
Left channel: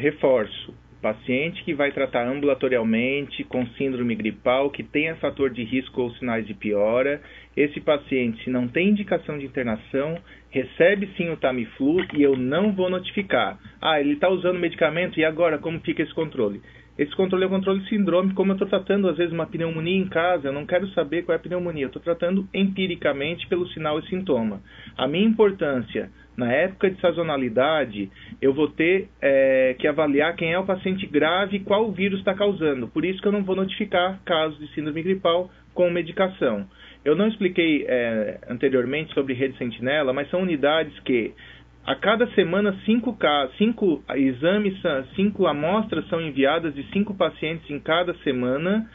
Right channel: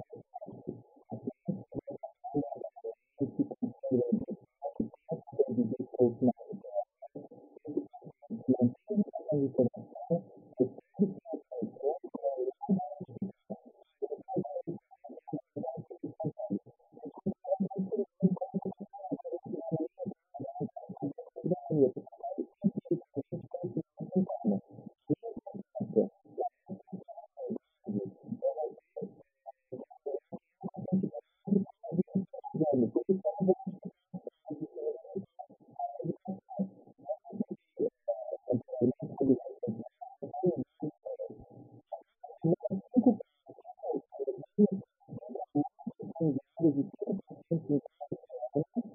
reforço. paciente que vai tratar ambulatorialmente com síndrome gripal, que tenha fator de risco ou sinais de piora. Esse paciente, se não tem indicação de internação, recebe sim o Tamiflu e eu não vou notificar. Ele está usando medicamento e agora como fica esse controle? Esse controle é o controle sindrômico, como eu estou tratando às vezes uma pneumonia em casa, eu não quero saber qual é a pneumonia, eu estou tratando empiricamente pelo sinal e sintoma. A minha importância, na época de sazonalidade, eu vou ter que avaliar quem é o paciente grave e qual o vírus está causando. Por isso que eu não vou notificar casos de síndrome gripal com medicação. Eu não expliquei anteriormente sobre rede sentinela, mas são unidades que a cada semana 5 exames, 5 amostras são enviadas de 5 pacientes em cada semana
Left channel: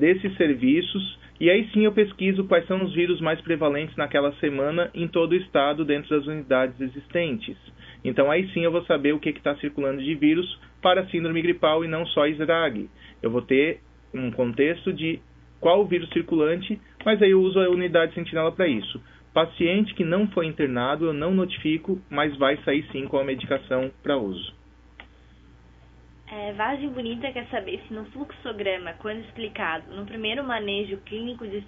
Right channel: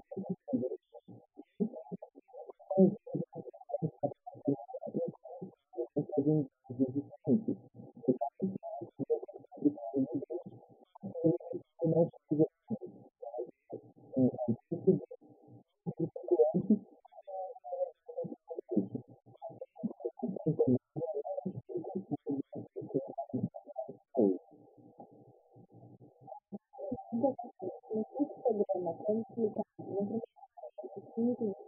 desses serviços. E aí sim eu pesquiso quais são os vírus mais prevalentes naquela semana em todo o estado dentro das unidades existentes. Então aí sim eu vou saber o que está circulando de vírus para síndrome gripal e não só SRAG. Eu vou ter um contexto de qual o vírus circulante, mas aí eu uso a unidade sentinela para isso. Paciente que não foi internado eu não notifico, mas vai sair sim com a medicação para uso. Vagem Bonita quer saber se no fluxograma, quando explicado no primeiro manejo clínico de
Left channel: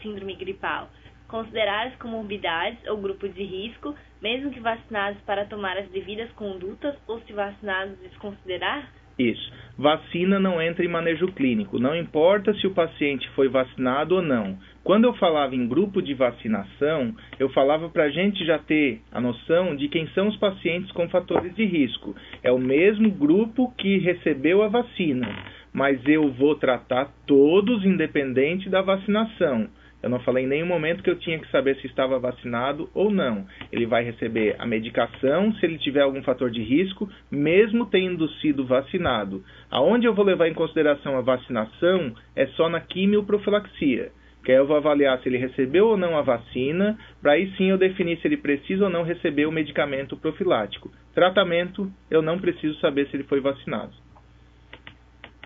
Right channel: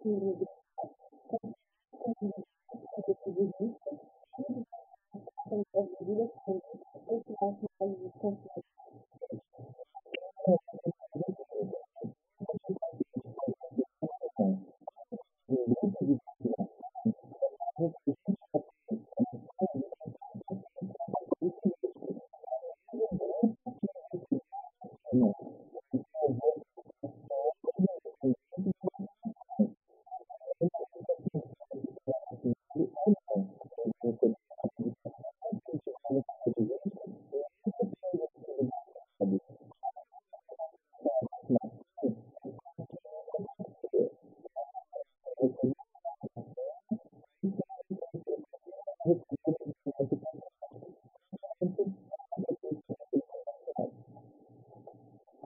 síndrome gripal, considerar as comorbidades ou grupos de risco, mesmo que vacinados para tomar as devidas condutas, ou se vacinados desconsiderar? Isso. Vacina não entra em manejo clínico. Não importa se o paciente foi vacinado ou não. Quando eu falava em grupo de vacinação, eu falava para a gente já ter a noção de quem são os pacientes com fatores de risco. É o mesmo grupo que recebeu a vacina, mas eu vou tratar todos independente da vacinação. Eu não falei em nenhum momento que eu tinha que saber se estava vacinado ou não. Ele vai receber a medicação se ele tiver algum fator de risco, mesmo tendo sido vacinado. Aonde eu vou levar em consideração a vacinação é só na quimioprofilaxia, que aí eu vou avaliar se ele recebeu ou não a vacina, para aí sim eu definir se ele precisa ou não receber o medicamento profilático. Tratamento, eu não preciso saber se ele foi vacinado.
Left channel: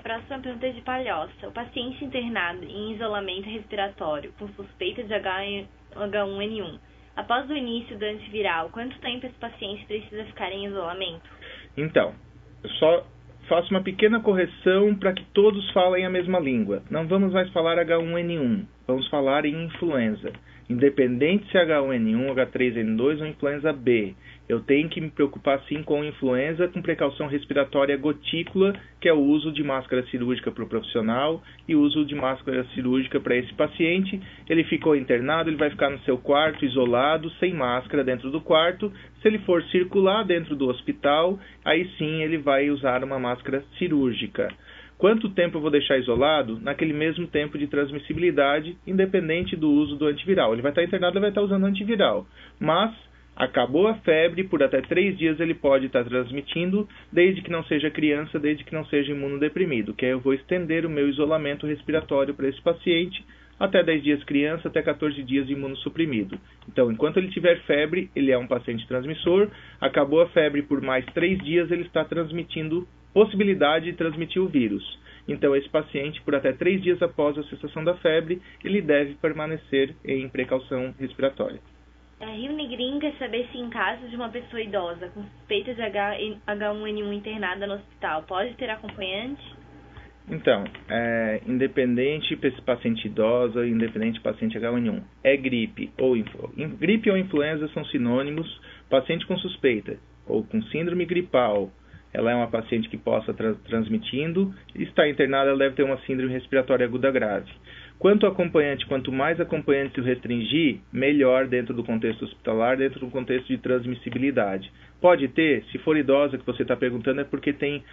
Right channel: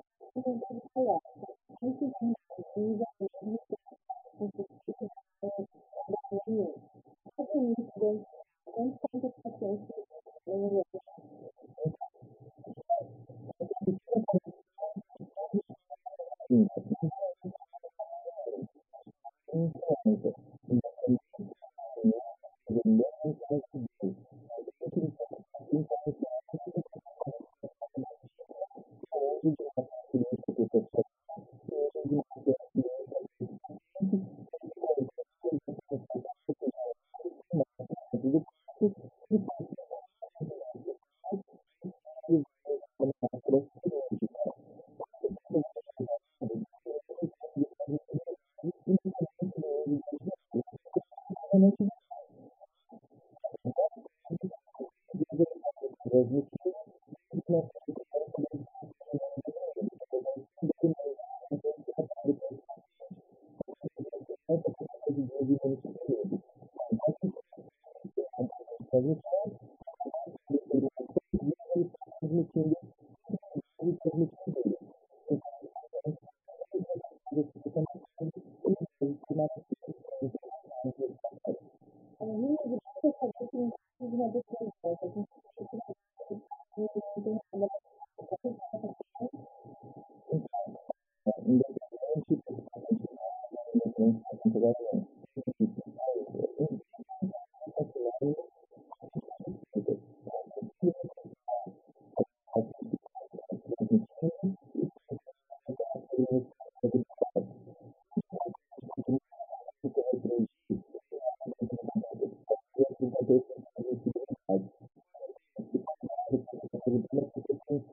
Próxima pergunta é de Palhoça. O paciente internado em isolamento respiratório com suspeita de H1N1, após o início do antiviral, quanto tempo esse paciente precisa ficar em isolamento? Então, só faço uma pequena correção para que todos falem a mesma língua. Não vamos mais falar H1N1, vamos falar em influenza. Independente se é H1N1, H3N2 ou influenza B, eu tenho que me preocupar sim com influenza, com precaução respiratória gotícula, que é o uso de máscara cirúrgica para o profissional e o uso de máscara cirúrgica para esse paciente. Ele ficou internado, ele vai ficar no seu quarto, isolado, sem máscara dentro do quarto. Se ele for circular dentro do hospital, aí sim ele vai usar uma máscara cirúrgica. Quanto tempo eu vou deixar isolado? Naquele mesmo tempo de transmissibilidade, independente do uso do antiviral. Ele vai estar internado, ele vai estar usando antiviral. Mas, acabou a febre, por até 3 dias ele pode estar transmitindo, desde que não seja criança, desde que não seja imunodeprimido. Que aí eu vou estender o meu isolamento respiratório para esse paciente, até 10 dias criança, até 14 dias imunossuprimido. Então, enquanto ele tiver febre, ele é um paciente transmissor. Acabou a febre, por mais 3 dias, ele está transmitindo possibilidade de transmitir o vírus. Então, esse paciente, por até 3 dias após a cessação da febre, ele deve permanecer em precaução respiratória. Rio Negrinho quer saber se em caso de uma pessoa idosa com suspeita de H1N1 internada no hospital, pode ter acompanhante? Então, independente para esse paciente idosa, independente do paciente H1N1, é gripe ou influenza são sinônimos. Paciente com suspeita ou com síndrome gripal, ela é uma paciente que possa transmitindo, está internada, ela deve ter uma síndrome respiratória aguda grave. Quanto acompanhante, quanto mais acompanhante eu restringir, melhor dentro do contexto hospitalar, dentro do contexto de transmissibilidade. Pode ter, se for idosa que você está perguntando, é porque tem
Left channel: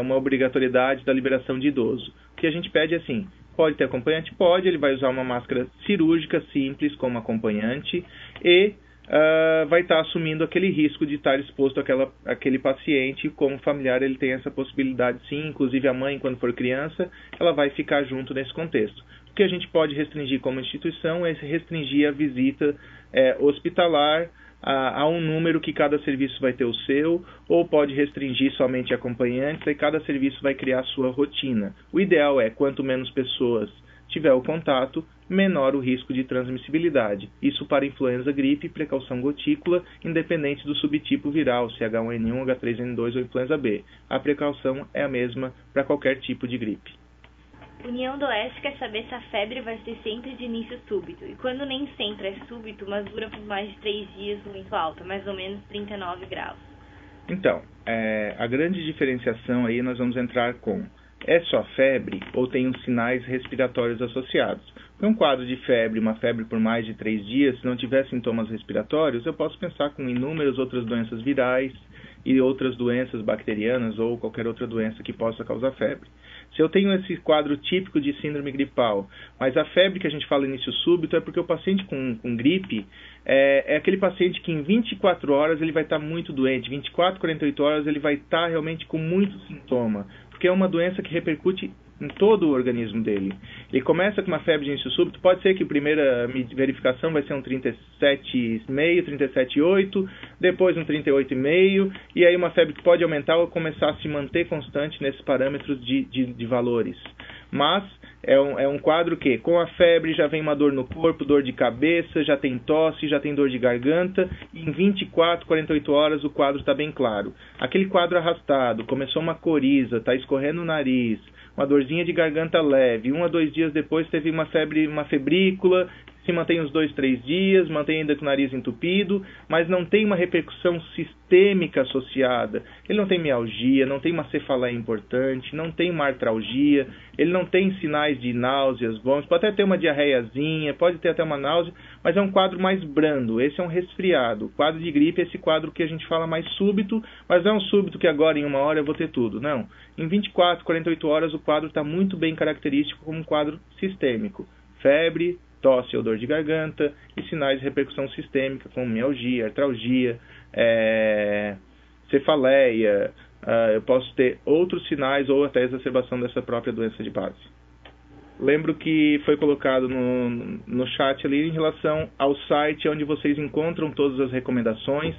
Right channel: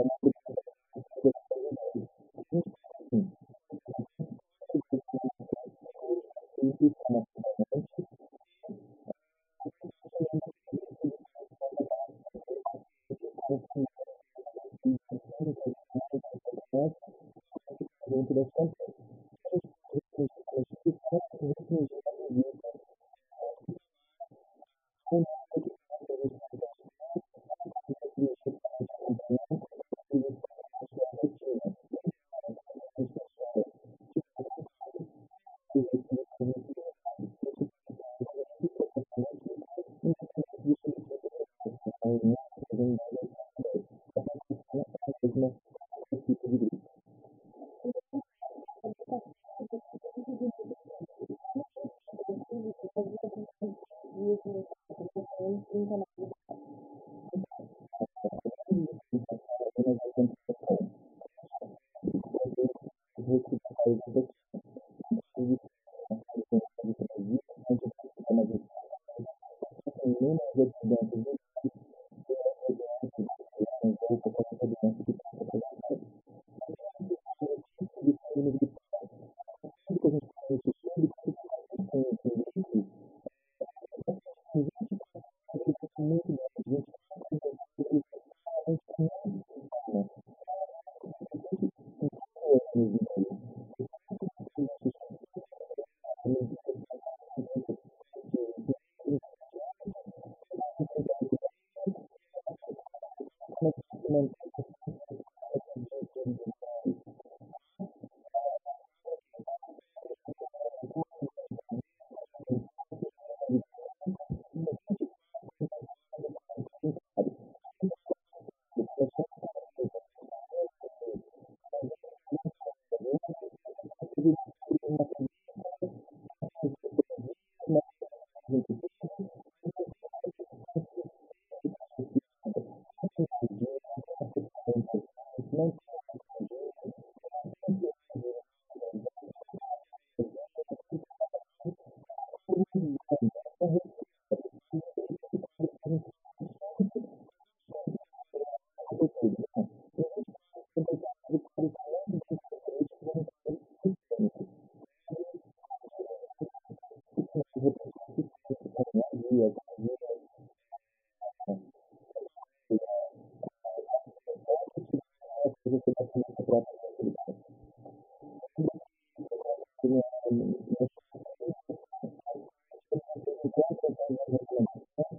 uma obrigatoriedade da liberação de idoso. O que a gente pede é assim, pode ter acompanhante? Pode, ele vai usar uma máscara cirúrgica simples como acompanhante e vai estar assumindo aquele risco de estar exposto àquele paciente. Como familiar ele tem essa possibilidade sim, inclusive a mãe quando for criança, ela vai ficar junto nesse contexto. O que a gente pode restringir como instituição é restringir a visita hospitalar a um número que cada serviço vai ter o seu, ou pode restringir somente acompanhantes, e cada serviço vai criar a sua rotina. O ideal é, quanto menos pessoas tiver o contato, menor o risco de transmissibilidade. Isso para influenza, gripe, precaução gotícula, independente do subtipo viral, se H1N1, H3N2 ou influenza B. A precaução é a mesma para qualquer tipo de gripe. União do Oeste quer saber se a febre vai ser sempre de início súbito. E quando nem sempre é súbito, mas dura por mais de 3 dias muito alta, mais ou menos 39 graus. Então, a grande diferenciação aí nós vamos entrar com: é só febre ou tem os sinais respiratórios associados? Um quadro de febre, uma febre por mais de 3 dias, se não tiver sintomas respiratórios, eu posso pensar com inúmeras outras doenças virais e outras doenças bacterianas ou qualquer outra doença que possa causar febre. Se eu tenho esse quadro típico de síndrome gripal, mas a febre que a gente fala início súbito é porque o paciente com gripe é aquele paciente que em 24 horas ele vai estar muito doente, 24, 48 horas ele vai estar realmente com muito sintoma, porque é uma doença que repercute em todo o organismo dele. Ele começa com uma febre de início súbito, pode ser que a primeira verificação vai ser um 37,5, 37,8, depois um 38,5, e aí uma febre que pode aumentar ou começar a se manter constante nesses parâmetros de valores. Mas é um quadro que, com a febre, já vem uma dor no corpo, dor de cabeça, já tem tosse, já tem dor de garganta, e em 24, 48 horas o quadro está bem claro. Aquele quadro arrastado, começou uma coriza, está escorrendo o nariz, uma dorzinha de garganta leve, 1 a 2 dias depois teve uma febre, uma febrícula, se mantém uns 2, 3 dias, mantém ainda com o nariz entupido, mas não tem uma repercussão sistêmica associada. Ele não tem mialgia, não tem uma cefaleia importante, não tem uma artralgia, ele não tem sinais de náuseas, vômitos, pode até ter uma diarreiazinha, pode ter até uma náusea, mas é um quadro mais brando, esse é um resfriado. O quadro de gripe é esse quadro que a gente fala mais súbito, mas não é um súbito que agora em 1 hora eu vou ter tudo, não. Em 24, 48 horas o quadro está muito bem característico como um quadro sistêmico. Febre, tosse ou dor de garganta e sinais de repercussão sistêmica como mialgia, artralgia, cefaleia, eu posso ter outros sinais ou até exacerbação dessa própria doença de base. Lembro que foi colocado no chat ali em relação ao site onde vocês encontram todas as recomendações.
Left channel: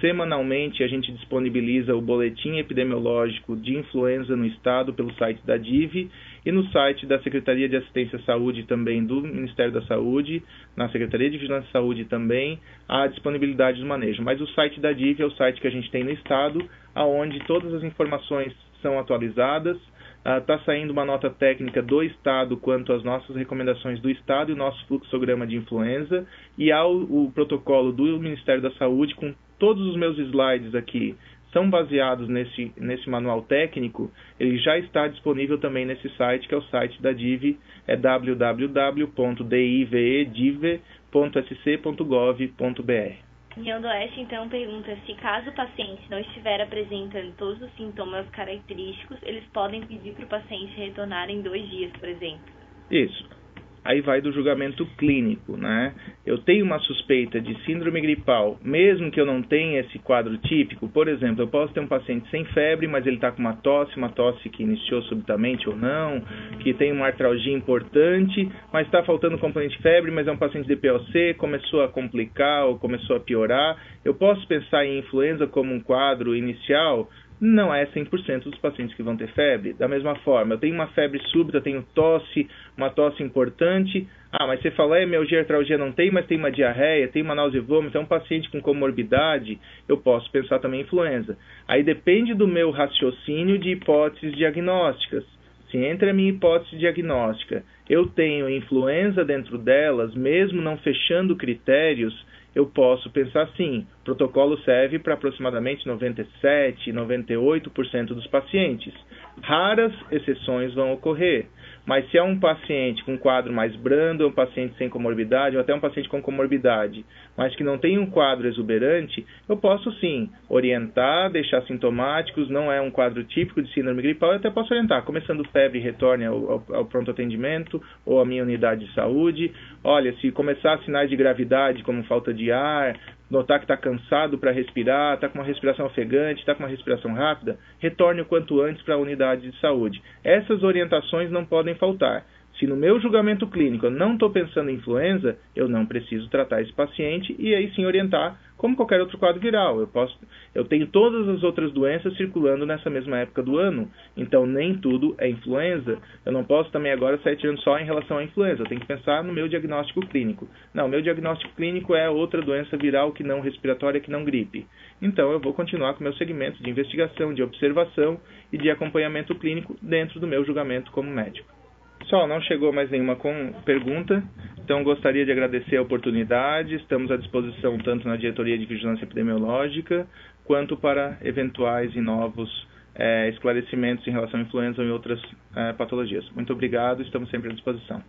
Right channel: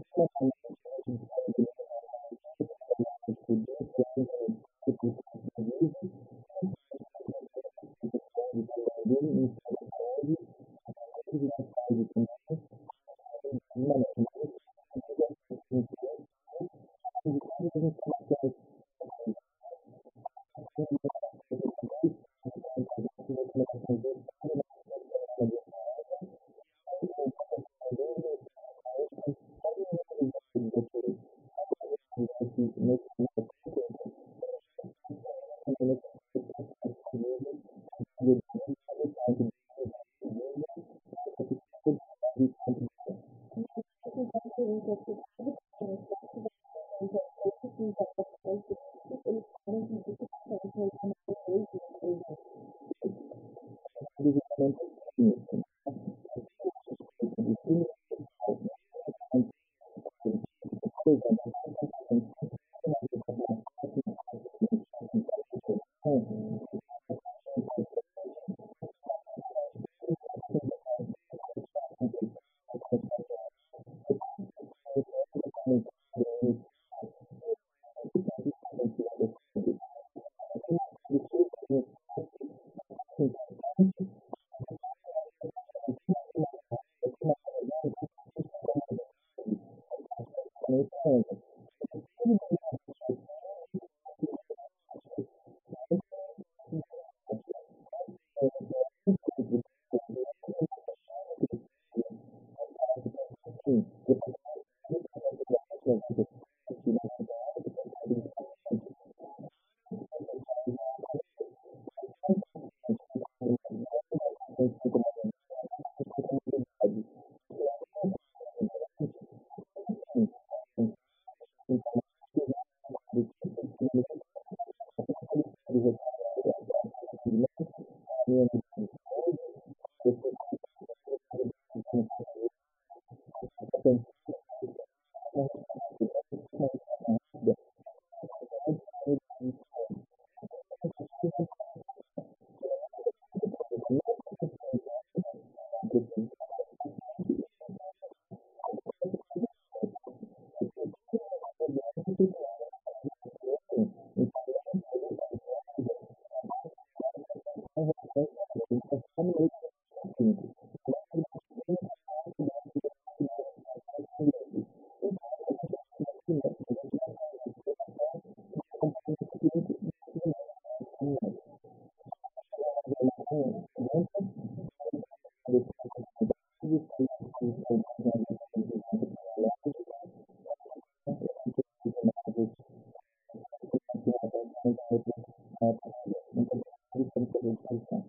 Semanalmente a gente disponibiliza o boletim epidemiológico de influenza no estado pelo site da DIV e no site da Secretaria de Assistência à Saúde também do Ministério da Saúde, na Secretaria de Vigilância e Saúde também, a disponibilidade do manejo. Mas o site da DIV é o site que a gente tem no estado, onde todas as informações são atualizadas. Está saindo uma nota técnica do Estado quanto às nossas recomendações do Estado e o nosso fluxograma de influenza, e há o protocolo do Ministério da Saúde com todos os meus slides aqui são baseados nesse manual técnico. Ele já está disponível também nesse site, que é o site da DIV, é www.dive.sc.gov.br. União do Oeste, então, pergunta se caso o paciente não estiver apresentando todos os sintomas característicos, eles podem pedir para o paciente retornar em 2 dias, por exemplo. Isso. Aí vai do julgamento clínico, né? Eu tenho uma suspeita de síndrome gripal, mesmo que eu não tenha esse quadro típico. Por exemplo, eu posso ter um paciente sem febre, mas ele está com uma tosse que iniciou subitamente ou não, que tem uma artralgia importante, mas está faltando componente febre, mas é um paciente de POC, começou a complicar ou começou a piorar. Eu posso pensar em influenza como um quadro inicial? Não é 100% dos pacientes que vão ter febre. Da mesma forma, eu tenho uma febre súbita, tenho tosse, uma tosse importante. Mas cefaleia, mialgia, artralgia não tem, mas tem uma diarreia, tem uma náusea e vômito, é um paciente com comorbidade, eu posso pensar também em influenza. Aí depende do meu raciocínio de hipóteses diagnósticas. Se entre a minha hipótese diagnóstica eu tenho influenza dentro delas, mesmo não fechando critérios, eu posso pensar assim: o protocolo serve para aproximadamente 97%, 98% dos pacientes. Raras exceções vão ocorrer, mas se é um paciente com um quadro mais brando, é um paciente sem comorbidade, ou até um paciente com comorbidade, mas que não tem um quadro exuberante, eu posso sim orientar, deixar sintomáticos, não é um quadro típico de síndrome gripal, eu até posso orientar, começando febre, retorne ao pronto atendimento, ou à minha unidade de saúde. Olha, se começar sinais de gravidade, como falta de ar, notar que está cansado para respirar, está com uma respiração ofegante, está com uma respiração rápida, retorne o quanto antes para a unidade de saúde. Essas orientações não podem faltar. Se no meu julgamento clínico eu não estou pensando em influenza, eu não preciso tratar esse paciente e aí sim orientar como qualquer outro quadro viral. Eu tenho todas as outras doenças circulando nessa mesma época do ano, então nem tudo é influenza. Eu não posso também agora sair tirando só em relação à influenza, eu tenho que pensar no meu diagnóstico clínico. Não, meu diagnóstico clínico é outra doença viral que não respiratória, que não gripe. Então eu vou continuar com o meu segmento de investigação, de observação e de acompanhamento clínico dentro do meu julgamento como médico. Pessoal, não chegou mais nenhuma pergunta, então gostaria de agradecer a oportunidade. Estamos à disposição tanto na Diretoria de Vigilância Epidemiológica, quanto para eventuais e novos esclarecimentos em relação à influenza ou em outras patologias. Muito obrigado, estamos sempre à disposição.